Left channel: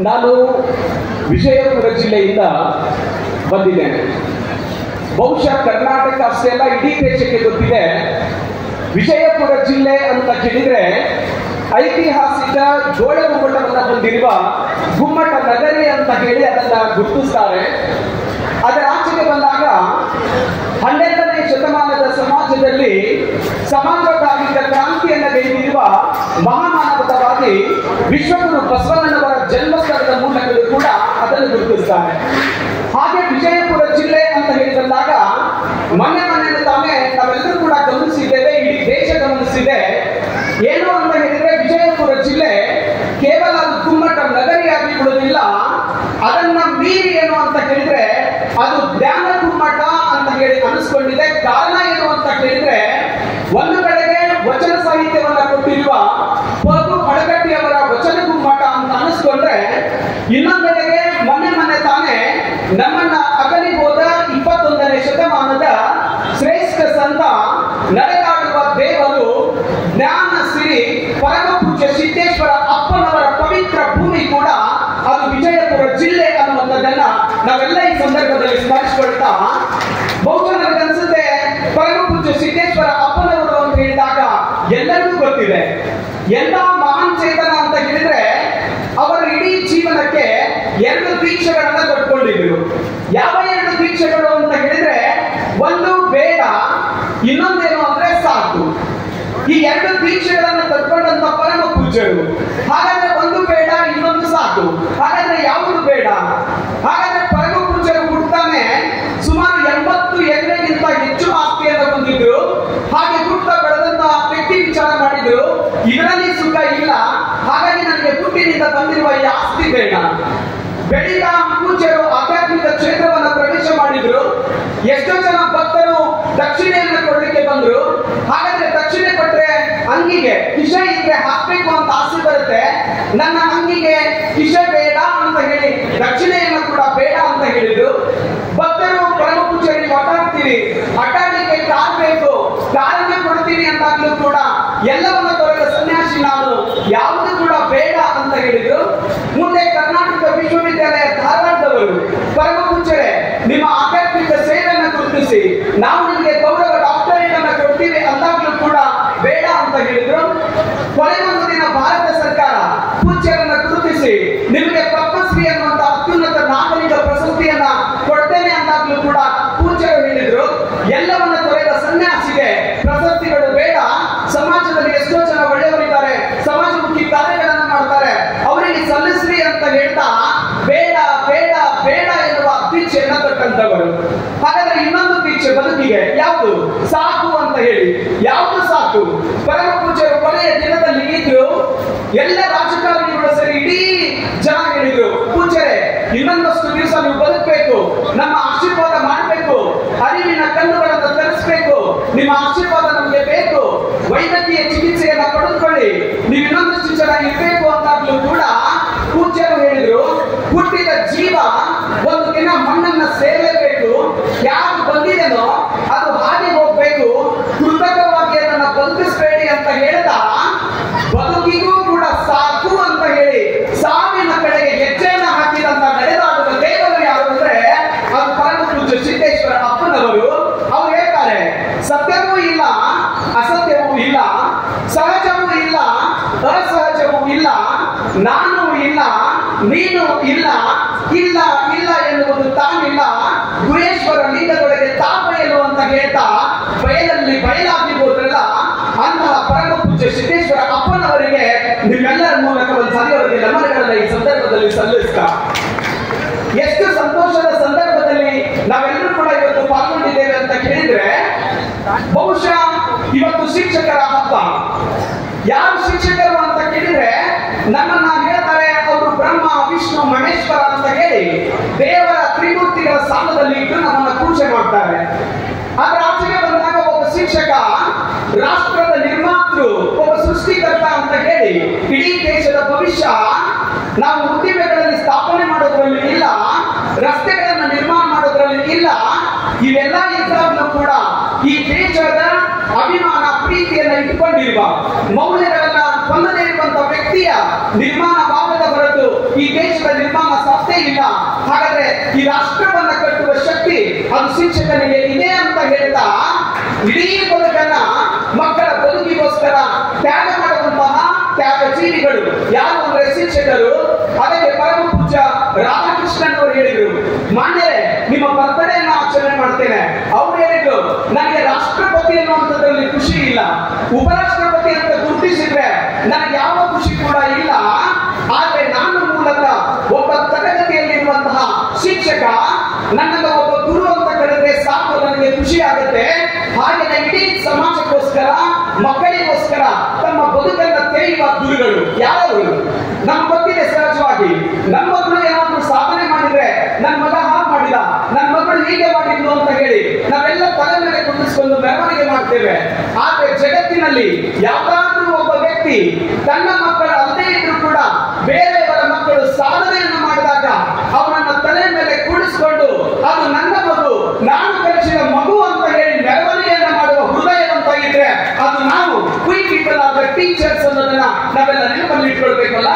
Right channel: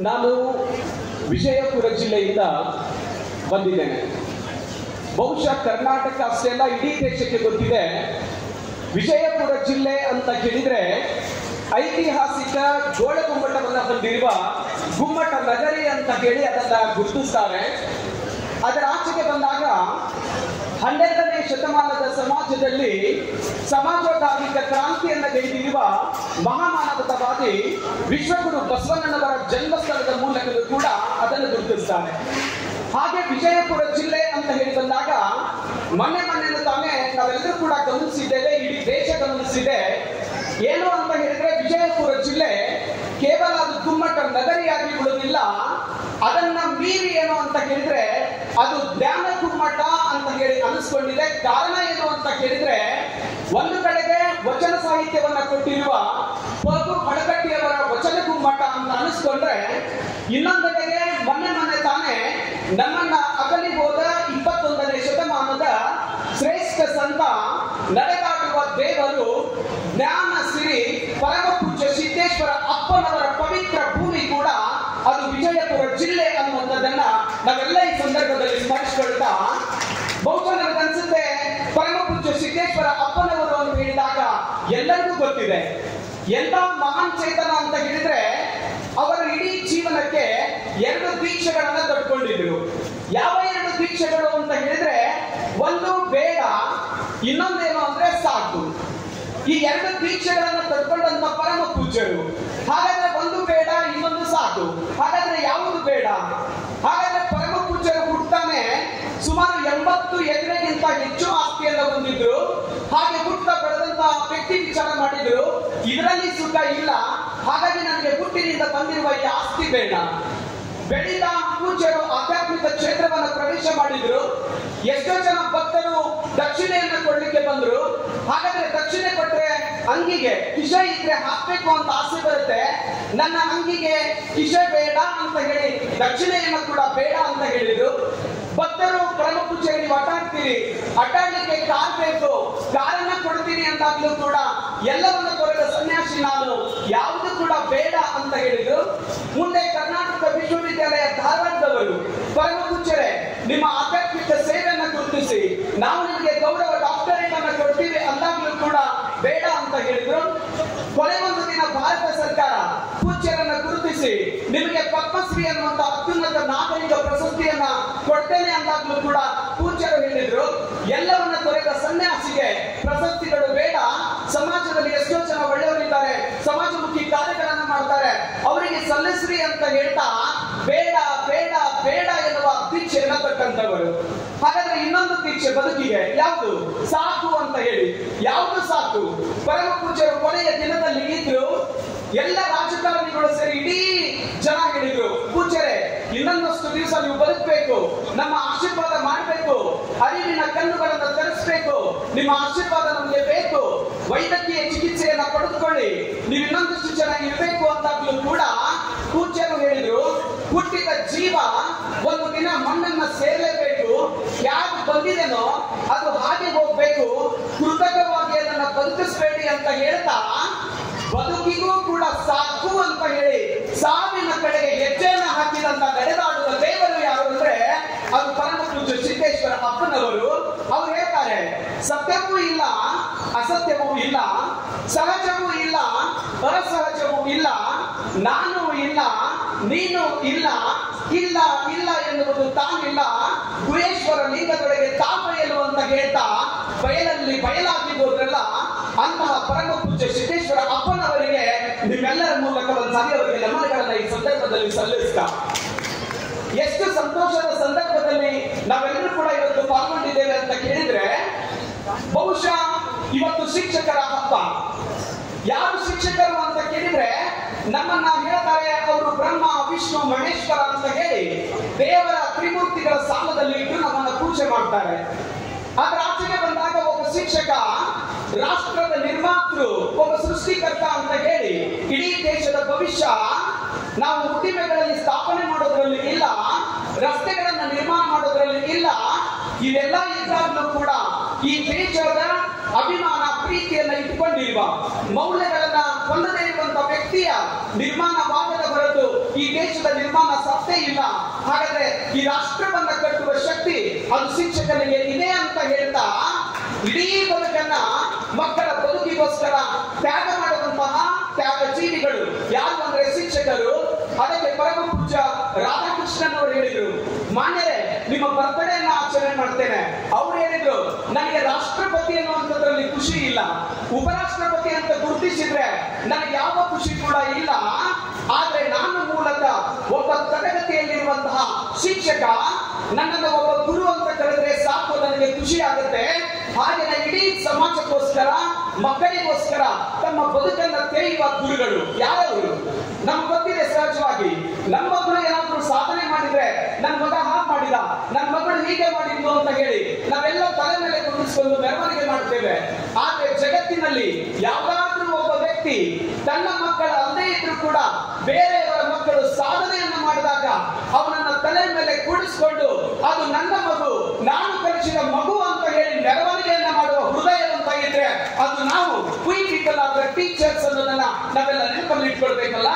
ನಾನು ವಿಜಯಪುರ ಜಿಲ್ಲೆಯಿಂದ ಬಂದಿದ್ದೇನೆ. ಬಹುಶಃ ಕರ್ನಾಟಕ ಅಷ್ಟೇ ಅಲ್ಲ, ಇಡೀ ದೇಶಕ್ಕೆ ಗೊತ್ತಿದೆ. ವಿಜಯಪುರ ಜಿಲ್ಲೆ ಅಂತ ಕೇಳಿದ್ರೆ ಐತಿಹಾಸಿಕ ಜೋಳಗುಮ್ಮಟವನ್ನು ಹೊಂದಿರುವ ಗುಮ್ಮಟ ನಗರಿ ಅಂತ ಹೇಳಿ ಅದನ್ನ ಗುರುತಿಸ್ತಾರೆ. ಅದರ ಆಚೆಗೆ ಬಂದಾಗ 12ನೇ ಶತಮಾನದ ಸಮಾಜದಲ್ಲಿ ಸಮಾಜವಾದಿಕ ಕ್ರಾಂತಿಯನ್ನು ಗೈದಿರುವ ಮಹಾಮಾನವತಾವಾದಿ ವಿಶ್ವಗುರು ಬಸವಣ್ಣನವರ ಜನ್ಮಸ್ಥಳದ ಮೂಲಕವೂ ಕೂಡ ಅದನ್ನು ಗುರುತಿಸ್ತಾರೆ. ಹಾಗೆ ವಿಜಯಪುರ ಜಿಲ್ಲೆ ಅಂತ ಹೇಳಿ ಬಂದಾಗ ಮೊನ್ನೆ ತಾನೇ ನಾವೆಲ್ಲರೂ ಕೂಡ ಗಮನಿಸಿದ್ದೇವೆ, ಇಡೀ ದೇಶ ಗಮನಿಸಿದೆ. ಏನು ಅಂತ ಹೇಳಿದ್ರೆ ವಿಜಯಪುರ ಜಿಲ್ಲೆ ಕೇವಲ ಗುಮ್ಮಟ ನಗರಿಯಾಗಿ ಬಿಡುವುದಿಲ್ಲ, ಅದನ್ನ ಮೀರಿ ಏನು ಅಂತ ಹೇಳಿದ್ರೆ ಅದು ಜ್ಞಾನ ಗುಮ್ಮಟ ಅಂತ ಹೇಳಿ ಅನಿಸ್ಕೊಂಡಿದೆ. ಕಾರಣ ಏನು ಅಂತ ಹೇಳಿದ್ರೆ ಒಂದು ಕಡೆಗೆ ವಚನ ಸಾಹಿತ್ಯವನ್ನ ಕೊಟ್ಟಿರುವ ಪಗು ಹಡಗಟ್ಟಿಯವರ ವಚನ ಗುಮ್ಮಟ ಅಂತ ಅನಿಸ್ಕೊಂಡ್ರೆ, ಇನ್ನೊಂದೆಡೆಗೆ ಮೊನ್ನೆ ತಾನೇ ನಮ್ಮನ್ನ ಅಗಲಿ ಹೋದ 21ನೇ ಶತಮಾನದ ಶ್ರೇಷ್ಠ ಸಂತ ನಡೆದಾಡುವ ದೇವರು ಜ್ಞಾನ ಸಿರಿ ಪರಮ ಪೂಜ್ಯ ಸಿದ್ದೇಶ್ವರ ಅಪ್ಪನವರ ಪವಿತ್ರ ಭೂಮಿ ಕೂಡ ಅದು ವಿಜಯಪುರ ಜಿಲ್ಲೆ ಅನ್ನುವಂಥದ್ದನ್ನ ನಾವೆಲ್ಲ ಈ ಸಂದರ್ಭದಲ್ಲಿ ಸ್ಮರಿಸಿಕೊಳ್ತಾ, ಬಹುಶಃ ನನಗನ್ಸುತ್ತೆ ಪರಮ ಪೂಜ್ಯ ಸಿದ್ದೇಶ್ವರ ಅಪ್ಪನವರು ಅಂತ ಹೇಳಿದಾಗ ಎಲ್ಲರಿಗೂ ಗೊತ್ತಿದೆ. ಎಲ್ಲ ಮಹಾನ್ ಚೇತನ ಅಂತ ಹೇಳಿದ್ರೆ ಅವರ ಇಡೀ ಜೀವನಕ್ಕೆ 2 ದೀಕ್ಷೆಗಳನ್ನ ಕಟ್ಕೊಂಡಿದ್ರು. ಯಾವ 2 ದೀಕ್ಷೆಗಳು ಅಂತ ಹೇಳಿದ್ರೆ, ಒಂದು ಬೇಡ, ಇನ್ನೊಂದೇನು ಅಂದ್ರೆ ಸಾಕು. ಈ 2 ದೀಕ್ಷೆಗಳನ್ನು ಕಟ್ಕೊಂಡಂತ ಪರಮ ಪೂಜ್ಯರು. ಹಾಗಾದ್ರೆ ಒಂದು ಬೇಡ, ಇನ್ನೊಂದು ಸಾಕು. ಹಾಗಾದ್ರೆ ಯಾವುದು ಬೇಡ? ಹಾಗಾದ್ರೆ ಪರಮ ಪೂಜ್ಯರು ಹುಟ್ಟಾನೆ ಸುಮಾರು 80 ಎಕರೆಗಿಂತ ಹೆಚ್ಚು ಆಸ್ತಿಯನ್ನು ಹೊಂದಿದ್ರು. ಹಾಗೆ ಹುಟ್ಟ ಬೆಳೆದಂತ ವ್ಯಕ್ತಿ ವಿಚಾರ ಮಾಡಿದ್ರು, ಇದರಲ್ಲಿ ಸುಖ ಇಲ್ಲ, ಹಾಗಾಗಿ ನನಗೆ ಹುಟ್ಟಿನಿಂದ ಬಂದಿರುವ ಈ ಆಸ್ತಿ ಬೇಡ. ಬೆಳೆದ ಪೂಜ್ಯರು ಆಧ್ಯಾತ್ಮಿಕ ಕ್ಷೇತ್ರವನ್ನು ಪ್ರವೇಶ ಮಾಡಿದ್ರು. ಎಷ್ಟೋ ಜನ ಭಕ್ತರು ದಕ್ಷಿಣೆಯನ್ನು ಕೊಡಲಿಕ್ಕೆ ಬಂದ್ರು. ಹಾಗಾದ್ರೆ ದಕ್ಷಿಣೆ ಕೊಟ್ರೆ ಅಂಗಿಗೆ ಕಿಶೆ ಇದ್ರೆ ಹಾಕ್ಬೇಕು ಅಂತ ಆಸೆ ಬರುತ್ತೆ. ನನ್ನ ಅಂಗಿಗೆ ಕಿಶೆ ಬೇಡ ಅಂತ ಹೇಳಿ ದಕ್ಷಿಣೆಯನ್ನು ಕೂಡ ಬೇಡ ಅಂತ ಹೇಳಿದ್ರು. ಭಕ್ತರು ಪರಮ ಪೂಜ್ಯರಿಗೆ ಅಡ್ಡಾಡ್ತೀರಿ, ಅಡ್ಡಾಡ್ಲಿಕ್ಕೆ ಕಾರ್ ಬೇಕು, ಕಾರನ್ನ ಕೊಡ್ತೀನಿ ಅಂತಾಗ್ಲೂ ಕೂಡ ಎಲ್ಲವನ್ನ ತೊರೆದ ಸನ್ಯಾಸಿ ನಾನು, ಯಾವುದು ಕೂಡ ಬೇಡ ಅಂತ ಹೇಳಿದ್ರು. ಮುಂದೆ ಕರ್ನಾಟಕ ವಿಶ್ವವಿದ್ಯಾಲಯ ಧಾರವಾಡದವರು ಪರಮ ಪೂಜ್ಯರೇ, ನಿಮ್ಮ ಆಧ್ಯಾತ್ಮಿಕ ಸೇವೆಯನ್ನು ಗುರುತಿಸಿ ನಾವು ನಿಮಗೆ ಗೌರವ ಡಾಕ್ಟರೇಟ್ ಅನ್ನ ಕೊಡ್ತೀವಿ ಅಂದಾಗ್ಲೂ ಕೂಡ ಬೇಡ ಅಂತ ಹೇಳಿದ್ರು. ಕೊನೆಗೊಂದು ದಿನ ಭಾರತ ಸರ್ಕಾರ ಪೂಜ್ಯರನ್ನ ಗುರುತಿಸಿ ನಿಮಗೆ ಪದ್ಮಶ್ರೀ ಅನ್ನುವಂತ ಅತ್ಯುನ್ನತ ನಾಗರಿಕ ಪ್ರಶಸ್ತಿಯನ್ನ ಕೊಡ್ತೇನೆ ಅಂದಾಗ್ಲೂ ಕೂಡ ಪೂಜ್ಯರು ಹೇಳಿದ್ರು. ಎಲ್ಲವನ್ನ ತೊರೆದ ಸನ್ಯಾಸಿಗೆ ಪ್ರಶಸ್ತಿಗಳು ಬೇಡ, ಸಮಾಜದಲ್ಲಿ ಎಷ್ಟೋ ಜನ ಒಳ್ಳೆಯವರಿದ್ದಾರೆ, ಸಮಾಜಮುಖಿ ಕಾರ್ಯಗಳನ್ನ ಮಾಡ್ತಾರೆ, ಅವರಿಗೆ ಸಲ್ಲಿಸ್ರಿ ಅಂತ ಹೇಳ್ತಾ ಬೇಡ ಬೇಡ ಬೇಡ ಎನ್ನುವ ದೀಕ್ಷೆಯನ್ನ ಕೊಟ್ಟಂತವರು. ಹಾಗಾದ್ರೆ ಇನ್ನೊಂದು ದೀಕ್ಷೆ ಬದುಕಿಗೆ ಯಾವುದು? ಸಾಕು ಅಂತ ಹೇಳಿ. ಯಾವುದು ಸಾಕು? ಪರಮ ಪೂಜ್ಯರು ಕೊನೆಯ ದಿನದಲ್ಲಿ ಇದ್ರು. ಎಲ್ಲ ರಾಜಕಾರಣಿಗಳು ಸರಿ ಇಡೀ ಜನ ಹೇಳಿದ್ರು, ಪೂಜ್ಯರೇ ಇನ್ನೊಂದಷ್ಟು ದಿವಸ ನೀವು ಬದುಕಬೇಕು, ನಮ್ಮ ಆಶೀರ್ವಾದ ಮಾಡಬೇಕು, ಅರಿವಿನ ಕಣ್ಣುಗಳನ್ನು ತರಿಸಬೇಕು, ನಿಮ್ಮ ಆಶೀರ್ವಾದ ನಮಗೆ ಬೇಕು, ವೈದ್ಯಕೀಯ ಚಿಕಿತ್ಸೆಯನ್ನ ಪಡೆದುಕೊಳ್ಳಿ, ನೀವು ಇನ್ನೊಂದಷ್ಟು ಜನ ಇರಬೇಕು ಅಂತಾಗ್ಲೂ ಕೂಡ ಪೂಜ್ಯರು ಹೇಳಿದ್ರು, ಹುಟ್ಟಿದ ಜೀವ ಒಂದು ದಿನ ಮಣ್ಣನ್ನ ಸೇರಲೇಬೇಕು, ಯಾರು ಬಂದಿದೆನೋ ಅದು ಹಾಗೆ ಹೋಗ್ಬೇಕು, ಕೃತಕವಾಗಿ ಅದನ್ನ ಬಂಧಿಸಬೇಡಿ ಅಂತ ಹೇಳ್ತಾ ಬದುಕಿಗೂ ಕೂಡ ಸಾಕು ಅಂತ ಹೇಳಿ ಸಾವಿನ ಕಡೆಗೆ ಹೆಜ್ಜೆಯನ್ನು ಹಾಕಿದಂತ ನಡೆದಾಡುವ ದೇವರು ಯಾರು ಅಂದ್ರೆ ಅದು ಪರಮ ಪೂಜ್ಯ ಸಿದ್ದೇಶ್ವರ ಅಪ್ಪನವರು. ಅವ್ರು ಹೇಳ್ತಾರೆ, ಸತ್ಯವೂ ಇಲ್ಲ, ಅಸತ್ಯವೂ ಇಲ್ಲ, ಸಹಜವೂ ಇಲ್ಲ, ಅಸಹಜವೂ ಇಲ್ಲ, ನಾನು ಇಲ್ಲ, ನೀನು ಇಲ್ಲ, ಇಲ್ಲ ಇಲ್ಲ ಎನ್ನುವುದು ತಾನಿಲ್ಲ, ಗುಹೇಶ್ವರ ಲಿಂಗದೊಳಗೆ ತಾಪಯಲು ಅಂತ ಹೇಳ್ತಾ ಬಯಲಲ್ಲಿ ಬಯಲಾಗಿ ಹೋದ್ರಲ್ಲ ಅಂತಹ ಪರಮ ಪೂಜ್ಯ ಸಿದ್ದೇಶ್ವರ ಅಪ್ಪನವರಿಗೆ ನಿಮ್ಮೆಲ್ಲರ ಮೂಲಕ ಒಂದು ಸಾರಿ ಅವರಿಗೆ ನಮನಗಳನ್ನ ಈ ಸಂದರ್ಭದಲ್ಲಿ ಸಲ್ಲಿಸ್ತಾ, ಎಷ್ಟು ಸಂತೋಷದ ಸಂದರ್ಭದಲ್ಲಿ ನಾವೆಲ್ಲರೂ ಕೂಡ ಇವತ್ತು ಪಾಲ್ಗೊಂಡಿದ್ದೇವೆ ಅಂತ ಕೇಳಿದ್ರೆ, ಬಹುಶಃ ಇವತ್ತು ಶಿಕ್ಷಕರ ಹಬ್ಬ. ಯಾರು ಶಿಕ್ಷಕರು ಅಂತ ಕೇಳಿದ್ರೆ ನಮ್ಮನ್ನ ಹೇಳ್ತಾರೆ ಅವರು ಬ್ರಹ್ಮ ವಿಷ್ಣು ಮಹೇಶ್ವರ ಅಂತ ಹೇಳಿ ದೇವರ ತ್ರಿಮೂರ್ತಿಗಳ ಸ್ಥಾನದಲ್ಲಿ ಇಟ್ಟು ನಮ್ಮನ್ನ ಪೂಜೆ ಮಾಡ್ತಾರೆ. ಆದ್ರೆ ಆಚೆಗೆ ಬಂದಾಗ ಒಬ್ಬ ಶಿಕ್ಷಕ ರಾಷ್ಟ್ರದ ನಿರ್ಮಾತೃ, ಒಬ್ಬ ಸೃಷ್ಟಿಕರ್ತ ಅಂತ ಹೇಳಿ ಇಡೀ ದೇಶದ ಭವಿಷ್ಯ ನಾವು ಉದ್ದಿಮೆಗಳಲ್ಲಿ ಸ್ಥಾಪನೆ ಮಾಡೋದ್ರಲ್ಲಿ ಇಲ್ಲ, ರಸ್ತೆಗಳನ್ನು ನಿರ್ಮಾಣ ಮಾಡೋದ್ರಲ್ಲಿ ಇಲ್ಲ, ಇವೆಲ್ಲ ಇದ್ದಾಗಲೂ ಕೂಡ ಈ ದೇಶದ ಅಭಿಮಾನ ಪ್ರೀತಿಯನ್ನ ಇಟ್ಟುಕೊಂಡಿರುವ ಮೌಲ್ಯಗಳನ್ನ ಹೊಂದದೇ ಇರುವಂತಹ ವ್ಯಕ್ತಿಯ ನಿರ್ಮಾಣವಾಗದ ಹೊರತು ಈ ದೇಶದ ನಿರ್ಮಾಣ ಸಾಧ್ಯ ಇಲ್ಲ. ಹಾಗಾದ್ರೆ ಈ ರಾಷ್ಟ್ರವನ್ನ ಕಟ್ಟುವ ಶಕ್ತಿ ಅದು ಶಿಕ್ಷಕನಿಗೆ ಇದೆ ಅಂತ ಹೇಳ್ತಾ ಇಡೀ ಬದುಕನ್ನ ಮಕ್ಕಳ ಬದುಕಿಗೋಸ್ಕರ ತ್ಯಾಗ ಮಾಡುವಂತಹ ತ್ಯಾಗಜೀವಿಗಳು ಯಾರು ಅಂದ್ರೆ ಶಿಕ್ಷಕರು. ಅದಕ್ಕೆ ಪರಮ ಪೂಜ್ಯ ರಾಧಾಕೃಷ್ಣನ್ ಅವರು ಹೇಳಿದ್ರು, ಮಾನ್ಯರೇ ನಿಮ್ಮ ಬರ್ತ್ಡೇನ ಆಚರಣೆ ಮಾಡ್ತೇನೆ. ಅವ್ರು ಹೇಳಿದ್ರು, ನನಗೆ ರಾಷ್ಟ್ರಪತಿ ಅನ್ನುವಂಥದ್ರಲ್ಲಿ ಖುಷಿ ಇಲ್ಲ, ಉಪರಾಷ್ಟ್ರಪತಿ ಅಂತ ಗುರುತಿಸಿದ್ರೆ ನನಗೆ ಯಾವ ಖುಷಿ ಕೂಡ ಇಲ್ಲ. ಆದ್ರೆ ನಾನು ಮೂಲತಃ ಒಬ್ಬ ತರಗತಿಯಲ್ಲಿರುವಂತಹ ಶಿಕ್ಷಕ, ನನ್ನನ್ನು ಒಬ್ಬ ಗುರು ಅಂತ ಕರೆದ್ರೆ ಸಾಕು ನನಗೆ ಖುಷಿ ಆಗುತ್ತೆ. ಹಾಗೆ ಇಡೀ ಸಮಾಜಕ್ಕೋಸ್ಕರ ಮಕ್ಕಳಿಗೋಸ್ಕರ ತಮ್ಮ ಬದುಕನ್ನ ತೆರೆಯುವ ಗುರುಗಳು ಯಾರು ನಮ್ಗೆ ಗೊತ್ತಿದೆ. ಸಹಜವಾಗಿ ನಮ್ಮ ಮಕ್ಕಳು ಏನಾದ್ರೂ ಸಾಧನೆ ಮಾಡಿದ್ರೆ ನನ್ನ ಮಗ ಹಾಗೆ ಮಾಡಿದ, ನನ್ನ ಮಗಳು ಹೀಗೆ ಮಾಡಿದ್ಲು ಅಂತ ಹೇಳಿ ನಾವೆಲ್ಲ ತಲೆ ಮೇಲೆ ಕುಂದಿಸ್ಕೊಂಡು ಮೆರವಣಿಗೆ ಮಾಡ್ತೇವೆ. ಆದ್ರೆ ಜಗತ್ತಿನಲ್ಲಿ ಯಾವ್ದಾದ್ರೂ ಒಬ್ಬ ವ್ಯಕ್ತಿ ತನ್ನ ಮಕ್ಕಳ ಅಲ್ಲದೆ ಇದ್ರು ಕೂಡ ಬೇರೆಯವರ ಮಕ್ಕಳು ಸಾಧನೆಯನ್ನು ಮಾಡಿದಾಗ ಅವರನ್ನ ತಲೆ ಮೇಲೆ ಕೂಡಿಸ್ಕೊಂಡು ಅದು ನನ್ನ ಮಗು, ನಾನು ಕಲಿಸಿದ ಮಗು ಅಂತ ಹೇಳಿ ಮೆರವಣಿಗೆಯನ್ನ ಮಾಡುವ ಹೃದಯವಂತಾಗಿದ್ರೆ ಅದು ನಾವು V people are the teachers ಅನ್ನೋದನ್ನ ನಾವೆಲ್ಲ ನೆನಪಲ್ಲಿ ಇಟ್ಕೊಳ್ಬೇಕಲ್ಲ.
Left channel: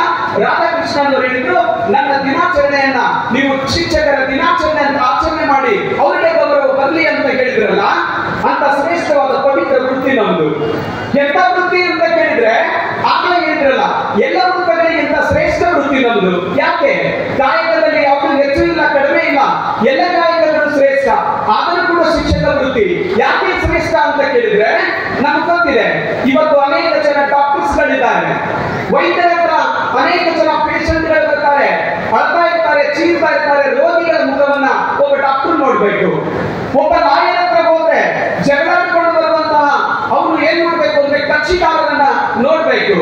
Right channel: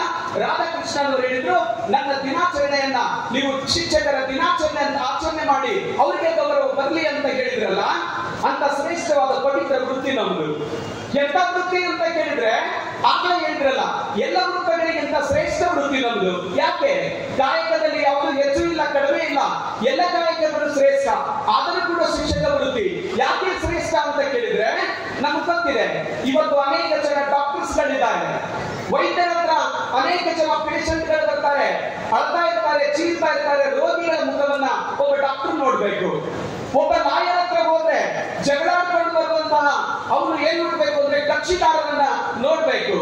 ರಾಧಾಕೃಷ್ಣನ್ ಅವರು ಹೇಳಿದ್ರು, ನನ್ನ ದಿನಾಚರಣೆಯನ್ನ ನೀವು ಶಿಕ್ಷಕರ ದಿನಾಚರಣೆ ಅಂತ ಆಚರಣೆ ಮಾಡಿ ಅವರಿಗೆ ಗೌರವ ಬರಲಿ ಅಂತ ಹೇಳಿದ್ರಲ್ಲ, ಅಂತ ಶ್ರೇಷ್ಠವಾದ ಪವಿತ್ರ ವೃತ್ತಿ ನಮ್ದು. ಎಂತ ವೃತ್ತಿ ಅಂತ ಕೇಳಿದ್ರೆ ಆಗ್ಲೇ ಹೇಳಿದ್ರಲ್ಲ, ಎಲ್ಲ ವೃತ್ತಿಗಳಿಗಿಂತ ಶ್ರೇಷ್ಠ ವೃತ್ತಿ ನಮ್ದು. ಯಾಕೆ? ಕಾಯಕದಲ್ಲಿ ಯಾವುದು ಹೆಚ್ಚು ಇಲ್ಲ, ಕಡಿಮೆ ಇಲ್ಲ, ಎಲ್ಲ ಕಾಯಕಗಳು ಶ್ರೇಷ್ಠ. ಆದರೂ ಕೂಡ ಶಿಕ್ಷಕ ವೃತ್ತಿ ಯಾಕೆ ಶ್ರೇಷ್ಠ ಅಂತ ಕೇಳಿದ್ರೆ ನಮ್ಗೆ ಗೊತ್ತಿದೆ. ಇವತ್ತು ಅನೇಕ ಜನ ಡಾಕ್ಟರ್ಸ್ ಗಳಿದ್ದಾರೆ, ವೈದ್ಯರ ಹತ್ರ ಅನೇಕ ಜನ ಪೇಷಂಟ್ ಗಳು ಬರ್ತಾರೆ, ಅಳ್ತಾ ಇರ್ತಾರೆ, ಚೀರ್ತಾ ಇರ್ತಾರೆ. ರೋಗಿಗಳ ಮುಖವನ್ನ ಒಬ್ಬ ಡಾಕ್ಟರ್ ನೋಡ್ಬೇಕು. ಒಬ್ಬ ಲಾಯರ್ ಹತ್ರ ಹೋದ್ರೆ ಜಗಳಾಡಿಕೊಂಡು ಬರುವಂತಹ ಅವನು ಏನ್ ನೋಡ್ಬೇಕು ಅಂದ್ರೆ ಕಕ್ಷಿದಾರರನ್ನ ನೋಡ್ಬೇಕು.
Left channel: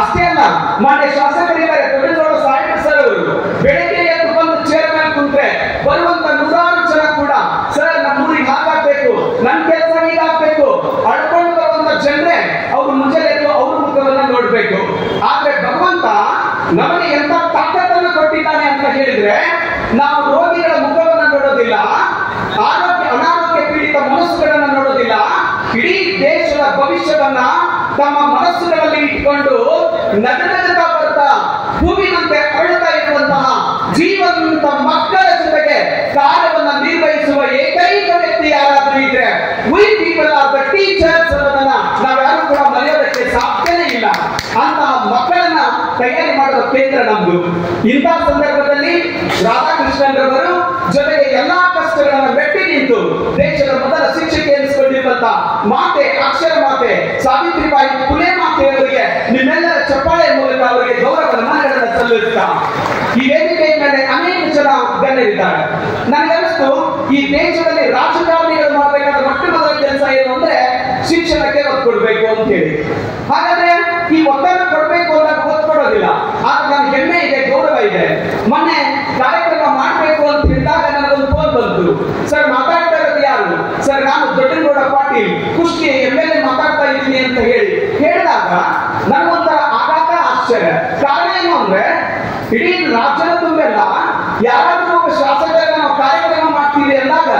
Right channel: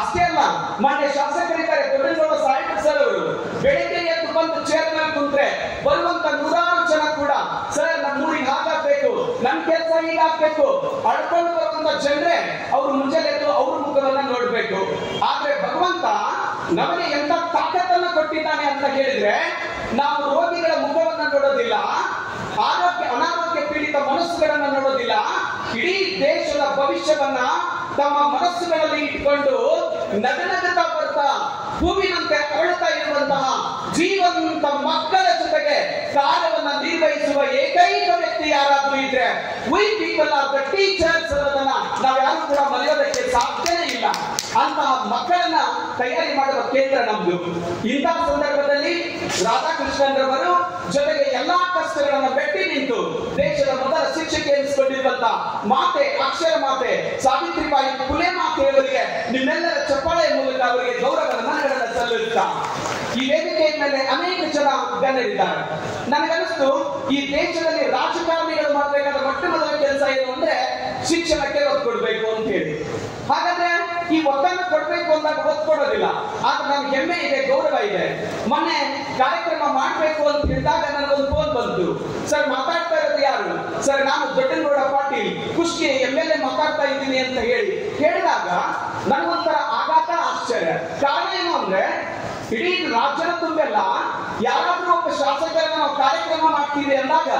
ಅಷ್ಟೇ ಅಲ್ಲ, ಮಾನ್ಯ ಶಾಸಕರಿದ್ದಾರೆ ದೊಡ್ಡ ಸಾಹಿತ್ಯ ಸರ್ ಅವರು ಬೆಳಗ್ಗೆ ಎದ್ದು ಬಂದು ಚೇರ್ ಮೇಲೆ ಕುಂತ್ರೆ ಬರುವಂತ ನೂರಾರು ಜನ ಕೂಡ ಸರ್ ನಮ್ಮ ಊರಿಗೆ ಹಾಗಾಗ್ಬೇಕು, ನನ್ ಕೆಲಸ ಹೀಗಾಗ್ಬೇಕು ಅಡ್ಕೊಂಡು ಬರುವಂತ ಜನರೇ ಅವ್ರು ಮುಂಜಾನೆ ಎದ್ದು ಅವ್ರ ಮುಖವನ್ನ ನೋಡ್ಬೇಕು. ಆದ್ರೆ ಭಗವಂತ ನಮಗೆ ಎಂತ ತಾಕತ್ತನ್ನು ಕೊಟ್ಟಿದ್ದಾನೆ ಅಂತ ಹೇಳಿದ್ರೆ ನಾವು ರೋಗಿಗಳ ಮುಖವನ್ನ ನೋಡೋದಿಲ್ಲ, ಅನಾರೋಗ್ಯ ಪೀಡಿತ ಮನಸ್ಸುಗಳನ್ನ ನೋಡೋದಿಲ್ಲ. ಇಡೀ ದೇಶದ ಭವಿಷ್ಯವನ್ನ ತಮ್ಮ ಮನಸ್ಸುಗಳಲ್ಲಿ ಇಟ್ಕೊಂಡು ನಗನಗತಾ ಬರ್ತಾ ಹೂವಿನಂತೆ ಅಳುತ್ತಾ ಇರುವಂತಹ ಜೀವಂತ ಮಕ್ಕಳ ಜೊತೆಗೆ ಕಾರ್ಯವನ್ನ ನಿರ್ವಹಿಸುವ ಏಕೈಕ ವ್ಯಕ್ತಿ ಯಾರಾದ್ರೂ ಇದ್ರೆ V people are the teachers ಅನ್ನೋದನ್ನ ನಾವ್ಯಾರು ಕೂಡ ಮರೆಯೋದಕ್ಕೆ ಸಾಧ್ಯನೇ ಇಲ್ಲ. ಅಂತಹ ಮಕ್ಕಳನ್ನ ತಯಾರಿ ಮಾಡುವ ಕೇಂದ್ರ ನಮ್ದು. ಇಂತಹ ಸಂದರ್ಭದಲ್ಲಿ ರಾಧಾಕೃಷ್ಣನ್ ರವರು ಜೊತೆಗೆ ಎಲ್ಲಾ ಕಷ್ಟಗಳನ್ನ ಮೆಟ್ಟಿ ನಿಂತು ದೇಶದ ಮೊದಲ ಶಿಕ್ಷಕಿ ಎನಿಸಿಕೊಂಡಿರುವಂತ ಮಾತೆ, ಅಕ್ಷರ ಮಾತೆ ಸಾವಿತ್ರಿಬಾಯಿ ಪುಲೆ ಮಾತೆಯವರಿಗೆ ನಿಮ್ಮೆಲ್ಲರ ಚಪ್ಪಾಳೆ ಮೂಲಕ ಅವರಿಗೆ ಗೌರವ ನಮನಗಳನ್ನು ಸಲ್ಲಿಸುತ್ತಾ ಈ ವೇದಿಕೆಯ ಮೇಲೆ ಅನೇಕ ಜನ ಗಣ್ಯರಿದ್ದಾರೆ. ನನಗನ್ನಿಸ್ತು ಈ ದೇಶದಲ್ಲಿ ರಾಜಕಾರಣಿಗಳು ಮಾಡಬೇಕಾದ ಮೊಟ್ಟ ಮೊದಲ ಕೆಲಸ ಏನು ಅಂದ್ರೆ ಶಿಕ್ಷಣಕ್ಕೆ ಒತ್ತು ಕೊಡ್ಬೇಕು ಅಂತ ಹೇಳಿ. ಹಾಗಾದ್ರೆ ಈ ಒತ್ತನ್ನು ಕೊಡ್ಬೇಕು ಅನ್ನೋದು ಒತ್ತು ಕೊಡೋದಿಲ್ಲ. ಆದ್ರೆ ನನಗೆ ಹೆಮ್ಮೆ ಇದೆ, ಗೌರವ ಇದೆ. ಮೊನ್ನೆ ಕಾರ್ಯಕ್ರಮ ಮಾಡಬೇಕು ಅಂತ ಹೇಳಿದಾಗ ನನಗೊಂದು ಫೋನ್ ಬಂತು, ಸರ್ ಮಾತಾಡ್ತಾ ಇರೋದು ಯಾರು? ಸರ್ ನಾನು ದೊಡ್ಡಗೌಡ ಪಾಟೀಲ್ ಕುಷ್ಟಗಿ MLA ಮಾತಾಡ್ತಾ ಇದ್ದೀನಿ ಅಂತ ಹೇಳಿದಾಗ ನನಗೊಂಥರ ಆಘಾತ, ಆಶ್ಚರ್ಯ. ಕಾರಣ ಏನು ಅಂದ್ರೆ ಇಡೀ ರಾಜ್ಯದ ತುಂಬೆಲ್ಲ ಯಾರಾದ್ರೂ ಒಬ್ಬ ಶಾಸಕರನ್ನ ನಾವು ಕಾರ್ಯಕ್ರಮ ಮಾಡ್ತೀವಿ ಅಂದಾಗ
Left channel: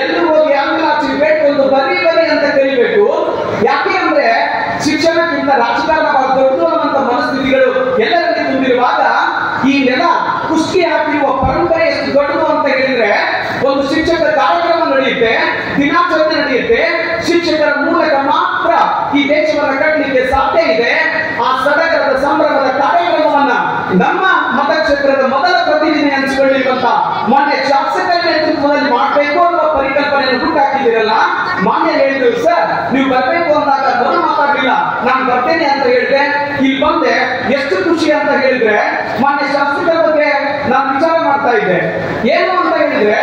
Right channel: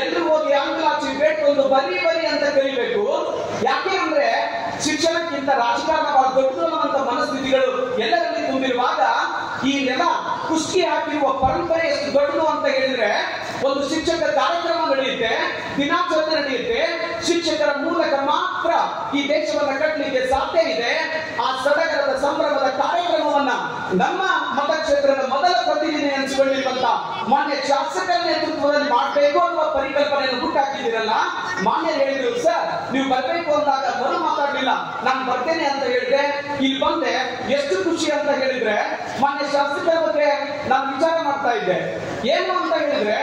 ಎಲ್ಲರೂ ಹೋಗಿ ಆಂಗ್ಲಾಚಿ ಬೇಡ್ಕೊಂಡು ಬರೀ ಅಂತ ಕಲಿಬೇಕು. ಯಾಕೆ ಅಂದ್ರೆ ಶಿಕ್ಷಣಕ್ಕಿಂತ ರಾಜಕಾರಣ ದೊಡ್ಡದಂತ ಮನಸ್ಥಿತಿಗಳು ಎಲ್ಲರಲ್ಲಿ ತುಂಬಿರುವಾಗ ಈ ನೆಲ ಕುಸ್ತಿ ಹಾಕಿರುವ ಪರಂಪರೆ ಎಷ್ಟು ದೊಡ್ಡದು ಅಂತ ಹೇಳಿದ್ರೆ ಒಂದು ಶಿಕ್ಷಕ ಕಾರ್ಯಕ್ರಮ ನಡೆಯುತ್ತೆ, ದಿನಾಚರಣೆ ನಡೆಯುತ್ತೆ. ಶಿಕ್ಷಕರ ಮೂಲಕ ಮಾತ್ರ ಈ ದೇಶವನ್ನು ಕಟ್ಟಲಿಕ್ಕೆ ಸಾಧ್ಯ ಇದೆ. ಆ ಸಡಗರದ ಸಂಭ್ರಮದ ಕಾರ್ಯಕ್ರಮವನ್ನ ನಮ್ಮ ಮತಕ್ಷೇತ್ರದ ಮೊದಲ ಪ್ರತಿನಿಧಿ ಅನಿಸಿಕೊಳ್ಳಿರುವಂತ ಮಾನ್ಯ ಶಾಸಕರ ನೇತೃತ್ವದಲ್ಲಿ ಮಾಡಬೇಕು ಅನ್ನುವ ಪರಿಕಲ್ಪನೆಯನ್ನು ಹುಟ್ಟಾಕಿದ್ದೀರಲ್ಲ. ಮಾನ್ಯ ಹೇಳಿದ್ರು, ಸರ್ ನೀವು ಬರಬೇಕು ಅಂದಾಗ ಮೊದಲು ಮಾತಾಡಲಿಲ್ಲ, ನಾನು ಬರ್ತೇನೆ ಅಂತ ಹೇಳಿದ್ರೆ ಇಲ್ಲಿ ಬಂದೆ. ಎಷ್ಟು ಖುಷಿ ಅಂತ ಹೇಳಿದ್ರೆ ಮಾನ್ಯ ಶಾಸಕರ ಬಗ್ಗೆ ನಾನು ವಿಚಾರ ಮಾಡ್ತಾ ಇದ್ದೆ. ಏನು ಅಂತ ಹೇಳಿದ್ರೆ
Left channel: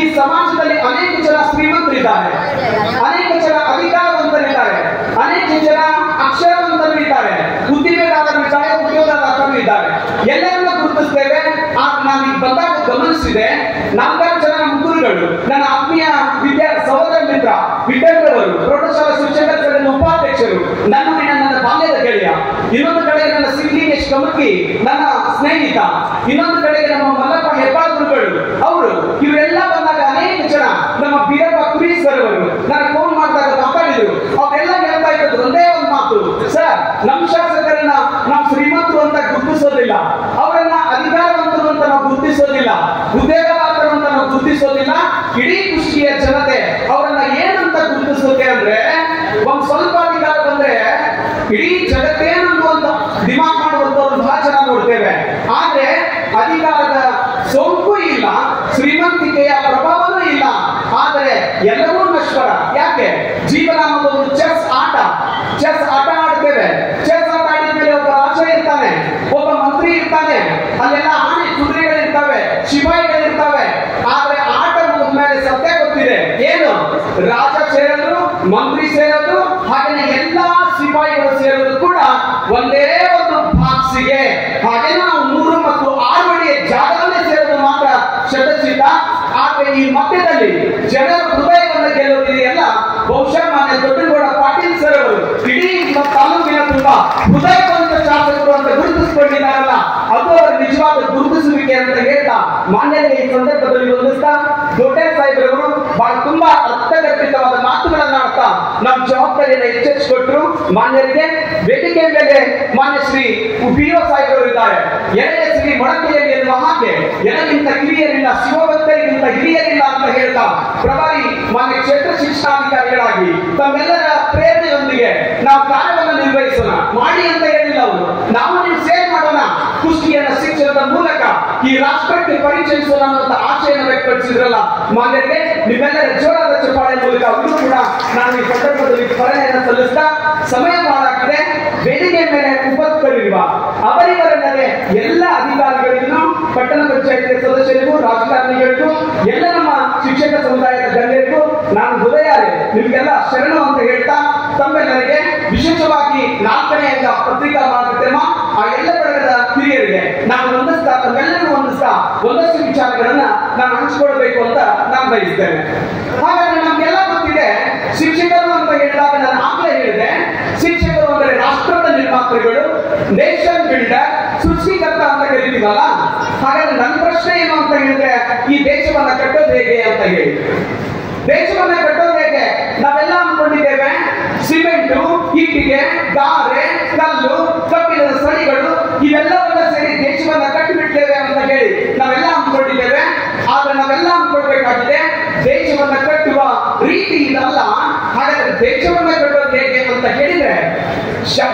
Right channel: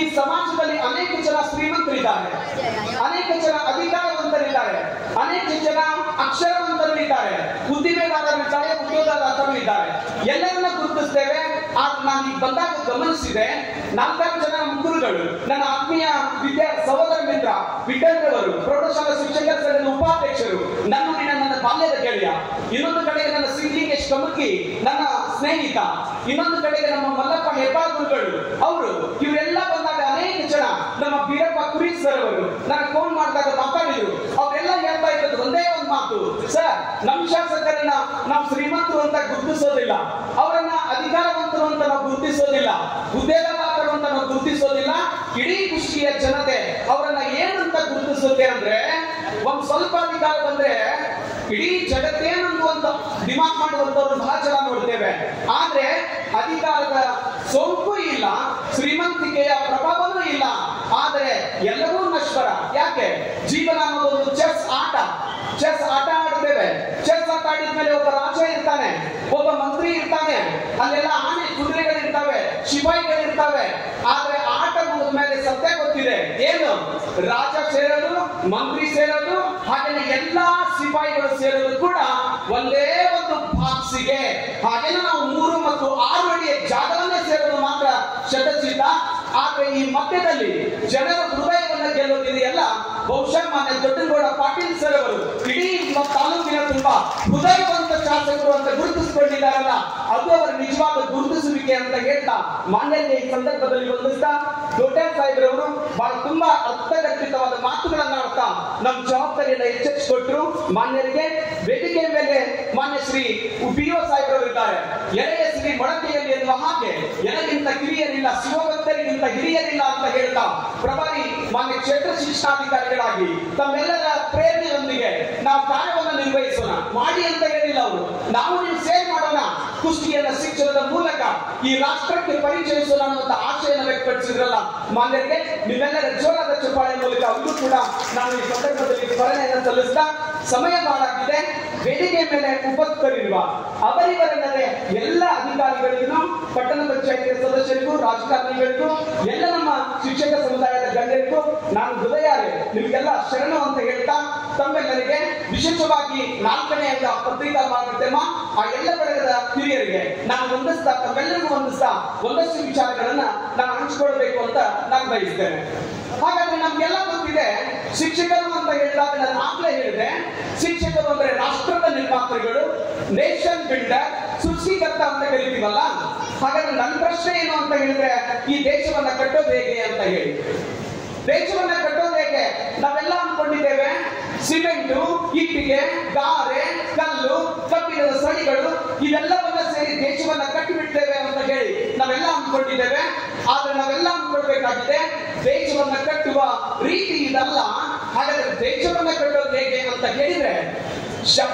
ಈ ಸಮಾಜದಲ್ಲಿ ಅನೇಕ ಜನ ಶ್ರೀಮಂತರಿದ್ದಾರೆ, ಅನೇಕ ಜನ ಅಧಿಕಾರವಂತರಿದ್ದಾರೆ, ಅನೇಕ ಜನ ಅಕ್ಷರವಂತರಿದ್ದಾರೆ, ಉದ್ದಿಮೆದಾರರಿದ್ದಾರೆ, ಉದ್ಯೋಗದಾತರು ಇದ್ದಾರೆ. ಎಲ್ಲರನ್ನ ಗುರುತಿಸ್ತೇವೆ. ನಾನು ಈಗ ಬಂದಾಗ ಗಮನಿಸಿದೆ, 4 ಜನ ಗುರುಗಳು ನನ್ನ ಆತ್ಮೀಯ ಸಹೋದರ ಮಿತ್ರ ವಿಠಲ್ರವರು, ಪ್ರೌಢಶಾಲಾ ಶಿಕ್ಷಕರ ಸಂಘದ ಉಪಾಧ್ಯಕ್ಷರು, ನನ್ನ ಬಾಲ್ಯದ ಗೆಳೆಯ. ಇನ್ನೊಂದು ಕಡೆ ನನ್ನ ಸಿಂಗ್ಲಿಂಗೇಶ್ ಕಮಕಿ ನನ್ನ ಸ್ನೇಹಿತ, ಇನ್ನೊಂದು ಕಡೆ ನಮ್ಮ ಮಲ್ಲಪ್ಪ ಹೆಬ್ಬಾಳ್ ಗುರುಗಳು ಅವರು. ಇವರೆಲ್ಲ ಬಂದಾಗ ಅನೇಕ ಜನ ನಮ್ಮ ಬೀರಪ್ಪ ಕುರಿ ಸರ್ ಅವರು ನನಗೆ ಫೋನ್ ಮಾಡಿದಾಗ ಮಾತಾಡಿದ್ರು. ಅವರೆಲ್ಲ ಹೇಳ್ತಾ ಇರೋದು ಒಂದೇ ಒಂದು ಮಾತು, ಸರ್ ನಮ್ಮ ಶಾಸಕರನ್ನ ನಾವು ಶ್ರೀಮಂತರು ಅಂತ ಗುರುತಿಸೋದಿಲ್ಲ, ಅವರನ್ನ ಅಧಿಕಾರ ಉದ್ಯೋಗದಾತರು ಅಂತ ನಾವು ಗುರುತಿಸೋದಿಲ್ಲ. ಇಡೀ ಕುಷ್ಟಗಿಯ ಜನತೆ ಅವರನ್ನ ಏನಂತ ಗುರುತಿಸುತ್ತೆ ಅಂದ್ರೆ, ಒಂದ್ ಸ್ವಲ್ಪ ಅಧಿಕಾರ ಬಂದ್ರೆ ಇಡೀ ಜಗತ್ತೇನಂತ ಡಿಮಾಂಡ್ ಮಾಡುವಂತವ್ರು ಬಹಳ ಜನ ನೋಡ್ತೇವೆ. ಆದ್ರೆ ಅಧಿಕಾರದ ಸೋಂಕು ಇಲ್ಲ, ಶ್ರೀಮಂತಿಕೆಯ ಪ್ರಭಾವನೂ ಇಲ್ಲ. ಆದರೆ ಎಲ್ಲವೂ ನಶ್ವರ. ಯಾಕೆ? ಜೀವನ ಅನ್ನೋದು ಒಂದು ಚೆಸ್ ಆಟ ಆಡ್ತೇವೆ. ಚೆಸ್ ಆಟ ಆಡಿದ್ಮೇಲೆ ಒಬ್ಬ ರಾಜ ಇರ್ತಾನೆ, ಒಬ್ಬ ಮಂತ್ರಿ ಇರ್ತಾನೆ, ಅಲ್ಲೆಲ್ಲ ಆನೆ ಕುದುರೆಗಳಿರ್ತವೆ, ಶಿಪಾಯಿಗಳಿರ್ತವೆ. ಆದ್ರೆ ಆಟ ಮುಗಿದ್ಮೇಲೆ ಸತ್ಯ ಗೊತ್ತಿದೆ ಏನು? ರಾಜ ಸೇರೋದು, ಮಂತ್ರಿ ಸೇರೋದು, ಹಾಗೆ ಎಲ್ಲಾ ಸಿಪಾಯಿಗಳು ಸೇರೋದು ಕೂಡ ಒಂದೇ ಒಂದು ಬಾಕ್ಸಿಗೆ. ಹಾಗೆ ನಾವು 3 ಮತ್ತು 6 ಅಡಿಯ ಜಾಗದಲ್ಲೇ ಸೇರೋದು ಮಾತ್ರ ಶತಸಿದ್ಧ. ಆದ್ರೆ ಈ ಮಧ್ಯದಲ್ಲಿ ಜನರ ಹೃದಯವನ್ನು ಗೆಲ್ಲುವುದಿದೆಯಲ್ಲ, ಬಹುಶಃ ಮಾನ್ಯ ದೊಡ್ಡಗೌಡ ಪಾಟೀಲ್ ಸರ್ ಅವರು ಇಡೀ ತಾಲೂಕಿನ ತುಂಬಾ ಹೃದಯವಂತ ಶಾಸಕರು ಅಂತ ಗುರುತಿಸಿಕೊಂಡಿದ್ದಾರಲ್ಲ, ಅದು ಅವರ ನಿಜವಾದ ಗುರುತಿಸುವಿಕೆ ಅಂತ ಹೇಳ್ತಾ ಮಾನ್ಯರಿಗೆ ಈ ಸಂದರ್ಭದಲ್ಲಿ ವಂದಿಸ್ತಾ, ದೊಡ್ಡ ಸಾಹೇಬರವರು ಬಹಳ ತುಂಬಾ ಅರ್ಥಗರ್ಭಿತವಾದ ಮಾತುಗಳನ್ನ ಆಡ್ತಾ ನಮ್ಮ ಜವಾಬ್ದಾರಿಯನ್ನು ಎಚ್ಚರಿಸಿಕೊಟ್ರು. ಮಾನ್ಯರಿಗೆ ವೇದಿಕೆ ಮೇಲೆ ಮಾನ್ಯ ಶ್ರೀ PO ಸಾಹೇಬರು ಇದ್ದಾರೆ. ಎಳೆಯ ಶ್ರೀ ಮೊಳಕೆಯಲ್ಲಿ ಎನ್ನುವ ಹಾಗೆ ಎನಗಿಂತ ಹಿರಿಯರಿಲ್ಲ, ಶಿವಭಕ್ತರಿಗಿಂತ ಹಿರಿಯರಿಲ್ಲ ಅಂತ ಹೇಳ್ತಾ ಪ್ರಭಾರಿ ಮಾನ್ಯ ಕ್ಷೇತ್ರ ಶಿಕ್ಷಣಾಧಿಕಾರಿಗಳಾಗಿ ತಮ್ಮೆಲ್ಲರ ಪ್ರೇರಣೆಯೊಂದಿಗೆ ನಾವು ಕಾರ್ಯವನ್ನು ನಿರ್ವಹಿಸೋಣ. ಮಾಡಿ ಅಂತ ಹೇಳಿಲ್ಲ ಅವರು, ನಾವು ನೀವು ಸೇರ್ ಮಾಡೋಣ, ಕುಷ್ಟಗಿಯನ್ನ ಶಿಕ್ಷಣದ ಮೂಲಕ ಈ ರಾಷ್ಟ್ರಕ್ಕೆ ಪರಿಚಯಿಸೋಣ ಅನ್ನುವಂತ ಆಶೆಯನ್ನು ವ್ಯಕ್ತಪಡಿಸಿದ್ರಲ್ಲ ಮಾನ್ಯರಿಗೆ, ನಿಮ್ಮೆಲ್ಲರ ಜೋರಾದ ಚಪ್ಪಾಳೆ ಮೂಲಕ ಅವರು ಕೂಡ ನಾನು ಈ ಸಂದರ್ಭದಲ್ಲಿ ಸ್ಮರಣೆಯನ್ನು ಸಲ್ಲಿಸ್ತಾ, ಸಮಯ ಬಹಳಾಗಿದೆ. ವೇದಿಕೆ ಮೇಲೆ ಉಪಸ್ಥಿತರಿರುವ ಅವರಿವರಲ್ಲದೆ ಎಲ್ಲ ಅಧಿಕಾರಿಗಳಿಗೂ, ಪಟ್ಟಣ ಪಂಚಾಯತ್ ಸದಸ್ಯರಿಗೂ, ರಾಜಕಾರಣಿಗಳಿಗೂ, ಎಲ್ಲ ನಮ್ಮ ಶಿಕ್ಷಕ ಸಮುದಾಯದ ಗಣ್ಯರಿಗೂ ನಾನು ಹೃದಯಾರೆ ನಿಮ್ಗೆಲ್ಲ ಶರಣು ಅಂತ ಹೇಳ್ತಾ, ತಮ್ಮೆಲ್ಲರಿಗೆ ವಿಶೇಷವಾಗಿ 4ನೇ ಅಂಗ ಪತ್ರಿಕಾ ಮಾಧ್ಯಮ ಆ ಎಲ್ಲ ಬಳಗದ ಹಿರಿಯರಿಗೆ ನಾನು ವಂದಿಸ್ತಾ, ತಮ್ಮೆಲ್ಲರಿಗೂ ವಂದಿಸ್ತಾ ಒಂದಷ್ಟು ವಿಚಾರಗಳನ್ನ ನಾನು ಹಂಚಿಕೊಳ್ಬೇಕು ಅಂತ ನಾನು ಬಯಸ್ತೇನೆ. ಹಾಗಾದ್ರೆ ನಮ್ಗೆಲ್ಲ ಗೊತ್ತಿದೆ, ಶಿಕ್ಷಕರು ಅಂತ ಹೇಳಿದಾಗ ನಾನು ಆಗ್ಲೇ ಹೇಳಿದೆ, ಶಿಕ್ಷಕರು ಅಂದ್ರೆ ರಾಷ್ಟ್ರದ ನಿರ್ಮಾತೃಗಳು, ನೇಷನ್ ಬಿಲ್ಡರ್, ಸೃಷ್ಟಿಕರ್ತ ಅಂತ ಕರೀತೀವಲ್ಲ. ಹಾಗಾದ್ರೆ ನನ್ನ ಪ್ರಶ್ನೆ ಏನು ಅಂತ ಹೇಳಿದ್ರೆ, ಈ ದೇಶವನ್ನ ಕಟ್ಟೋದು ಹೇಗೆ ಅಂತ ಹೇಳಿ. ದೇಶವನ್ನ ಕಟ್ಟೋದು ಹೇಗೆ? ನಾವೆಲ್ಲ ಅನ್ಕೊಂಡಿದ್ದೇವೆ ಸಿಮೆಂಟು, ಇಟ್ಟಿಗೆ, ಗಾರೆ, ಕಲ್ಲು, ಕಬ್ಬಿಣದ ಸಡಿಗಳು ಇವೆಲ್ಲವನ್ನ ಸೇರಿ ದೇಶವನ್ನ ಕಟ್ಟಿಬಿಡ್ತೇವೆ ಅಂತ ಹೇಳಿ ನಾವೆಲ್ಲ ಅನ್ಕೊಂಡಿದ್ದೇವೆ. ಆದ್ರೆ ನಾವೆಲ್ಲ ಅನ್ಕೊಳ್ಬೇಕಾಗಿದೆ, ದೇಶವನ್ನ ಕಟ್ಟುವ ರೀತಿ ಇದಲ್ಲ. ಹಾಗಾದ್ರೆ ದೇಶವನ್ನ ಕಟ್ಟೋದು ಹೇಗೆ ಅಂತ ಹೇಳಿದ್ರೆ,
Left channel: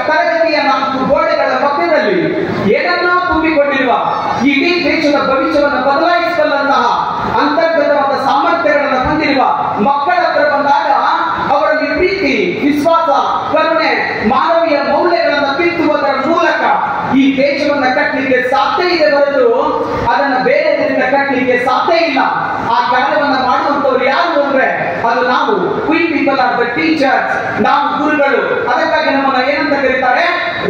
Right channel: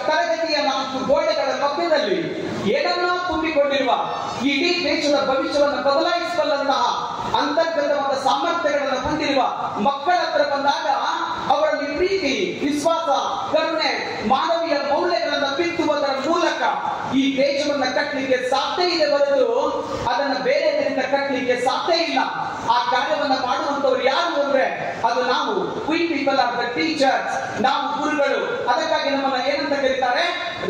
ತರಗತಿಯ 4 ಗೋಡೆಗಳ ಮಧ್ಯದಲ್ಲಿ ಏನನ್ನೋ ತುಂಬಿಕೊಂಡಿರುವ ಇಡೀ ದೇಶದ ಭವಿಷ್ಯವನ್ನು ಬದಲಾಯಿಸಬಲ್ಲಂತಹ ಅಂತರ್ಗತವಾದ ಸಾಮರ್ಥ್ಯಗಳನ್ನು ಹೊಂದಿರುವ ಮಕ್ಕಳ ಹತ್ರ ಬಂದಾಗ ಅವರಲ್ಲಿ ಪ್ರೀತಿ, ವಿಶ್ವಾಸ, ಕರುಣೆ, ಮಾನವೀಯ ಮೌಲ್ಯಗಳನ್ನು ಬಿತ್ತುವುದರ ಮೂಲಕ ಈ ದೇಶವನ್ನ ಕಟ್ಟಲಿಕ್ಕೆ ಸಾಧ್ಯ ಇದೆ ಹೊರತು ಅದನ್ನ ಬೇರೆ ರೀತಿಯಿಂದ ಕಟ್ಟಲಿಕ್ಕೆ ಸಾಧ್ಯ ಇಲ್ಲ. ಆ ಕಾರ್ಯವನ್ನ ಮಾಡುವಂತವ್ರು ಯಾರು ಅಂದ್ರೆ ಅದು ನಾವು. V people are the teachers, ನಾವು ಗುರುಗಳು. ಅದಕ್ಕಾಗಿ ನಮ್ಮನ್ನ ಏನಂತ ಕರೀತಾರೆ?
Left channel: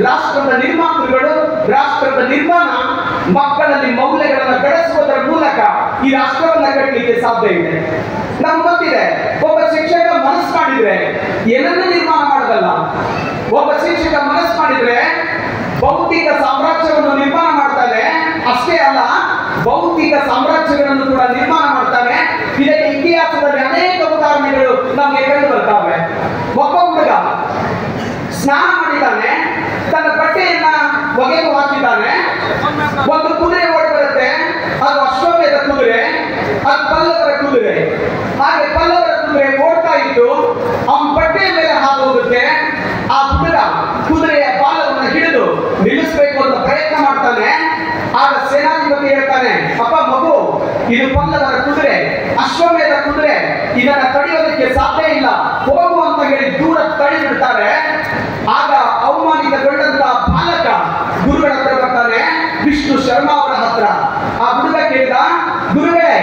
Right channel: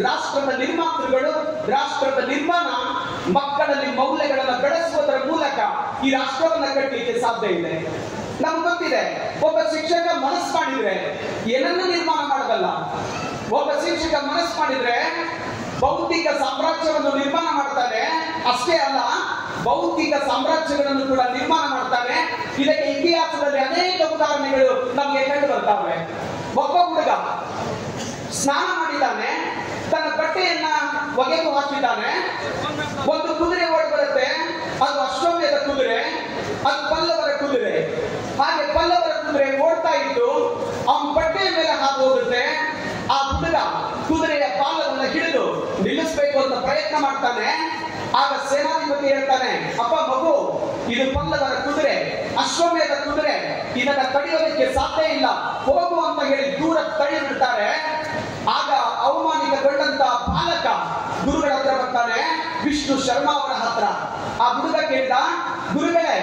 ರಾಷ್ಟ್ರದ ನಿರ್ಮಾತೃಗಳು. ರಾಷ್ಟ್ರದ ನಿರ್ಮಾಣ ಮಕ್ಕಳಲ್ಲಿ ಮೌಲ್ಯಗಳನ್ನು ಬೆಳೆಸುವುದರ ಮೂಲಕ ಈ ರಾಷ್ಟ್ರವನ್ನ ಕಟ್ಟಲಿಕ್ಕೆ ಸಾಧ್ಯ ಇದೆ. ನಮ್ಗೆ ಗೊತ್ತಿದೆ, ಒಬ್ಬ ಶಿಕ್ಷಕ ಮನಸ್ಸು ಮಾಡಿದ್ರೆ ಏನನ್ನ ನಿರ್ಮಾಣ ಮಾಡೋದಲ್ಲ. ಒಬ್ಬ ಶಿಕ್ಷಕ ಮನಸ್ಸು ಮಾಡಿದ್ರೆ ಭೌತಿಕ ಸಾಮ್ರಾಜ್ಯವನ್ನು ನಿರ್ಮಾಣ ಮಾಡ್ತಾನೆ. ಅಷ್ಟೇ ಅಲ್ಲ, ಭೌತಿಕ ಸಾಮ್ರಾಜ್ಯಗಳನ್ನು ಕೂಡ ನಿರ್ಮಾಣ ಮಾಡ್ತಾನೆ. ಇದಕ್ಕೆ ಇತಿಹಾಸದಲ್ಲಿ ಅನೇಕ ಉದಾಹರಣೆಗಳು ನಮಗೆ ಕಂಡು ಬರ್ತಾವೆ. ಒಬ್ಬ ಹುಡುಗ ಸ್ನಾನ ಮಾಡಿದ್ದಾನೆ, ತನ್ನ ಬಟ್ಟೆಯನ್ನ ಒಗೆದು ಹಾಕಿದ್ದಾನೆ. ಒಂದು ಕುದುರೆ ಓಡಿ ಬರುತ್ತೆ, ಅದು ಅಶ್ವಮೇಧ ಕುದುರೆ, ಅದು ಪಲ್ಲವರ ಕುದುರೆ. ಹಾಗೆ ಪಲ್ಲವರ ಕುದುರೆ ಓಡ್ತಾ ಇದ್ದು ಅವನ ಬಟ್ಟೆಯ ಮೇಲೆ ಹಾದು ಹೋಗುತ್ತೆ. ಆ ಹುಡುಗ ಕುದುರೆಯ ಬಾಲವನ್ನು ಹಿಡಿದು ನಿಲ್ಲಿಸಬೇಕು ಅಂತ ಪ್ರಯತ್ನ ಮಾಡ್ತಾನೆ. ಆಗ ಸೇನಾಧಿಪತಿ ಹೇಳ್ತಾನೆ, ಅಪ್ಪ ಮಗು, ಇದು ಪಲ್ಲವರ ಕುದುರೆ, ಅಶ್ವಮೇಧ ಕುದುರೆ, ಇದನ್ನ ತಡೆಯೋದಕ್ಕೆ ಸಾಧ್ಯ ಇಲ್ಲ, ಹೋಗು ಅಂತ ಹೇಳಿ ದೂರ ತಡೆದಿರ್ತಾರೆ. ಆಗ ಅವಮಾನಿತಗೊಂಡಂತ ಬಾಲಕ ಗುರುಗಳ ಹತ್ರ ಬರ್ತಾನೆ, ವಿಷ್ಣು ಶರ್ಮಾ ಅವರ ಹತ್ರ. ಆ ಹುಡುಗ ಕೇಳಿದ, ಗುರುಗಳೇ,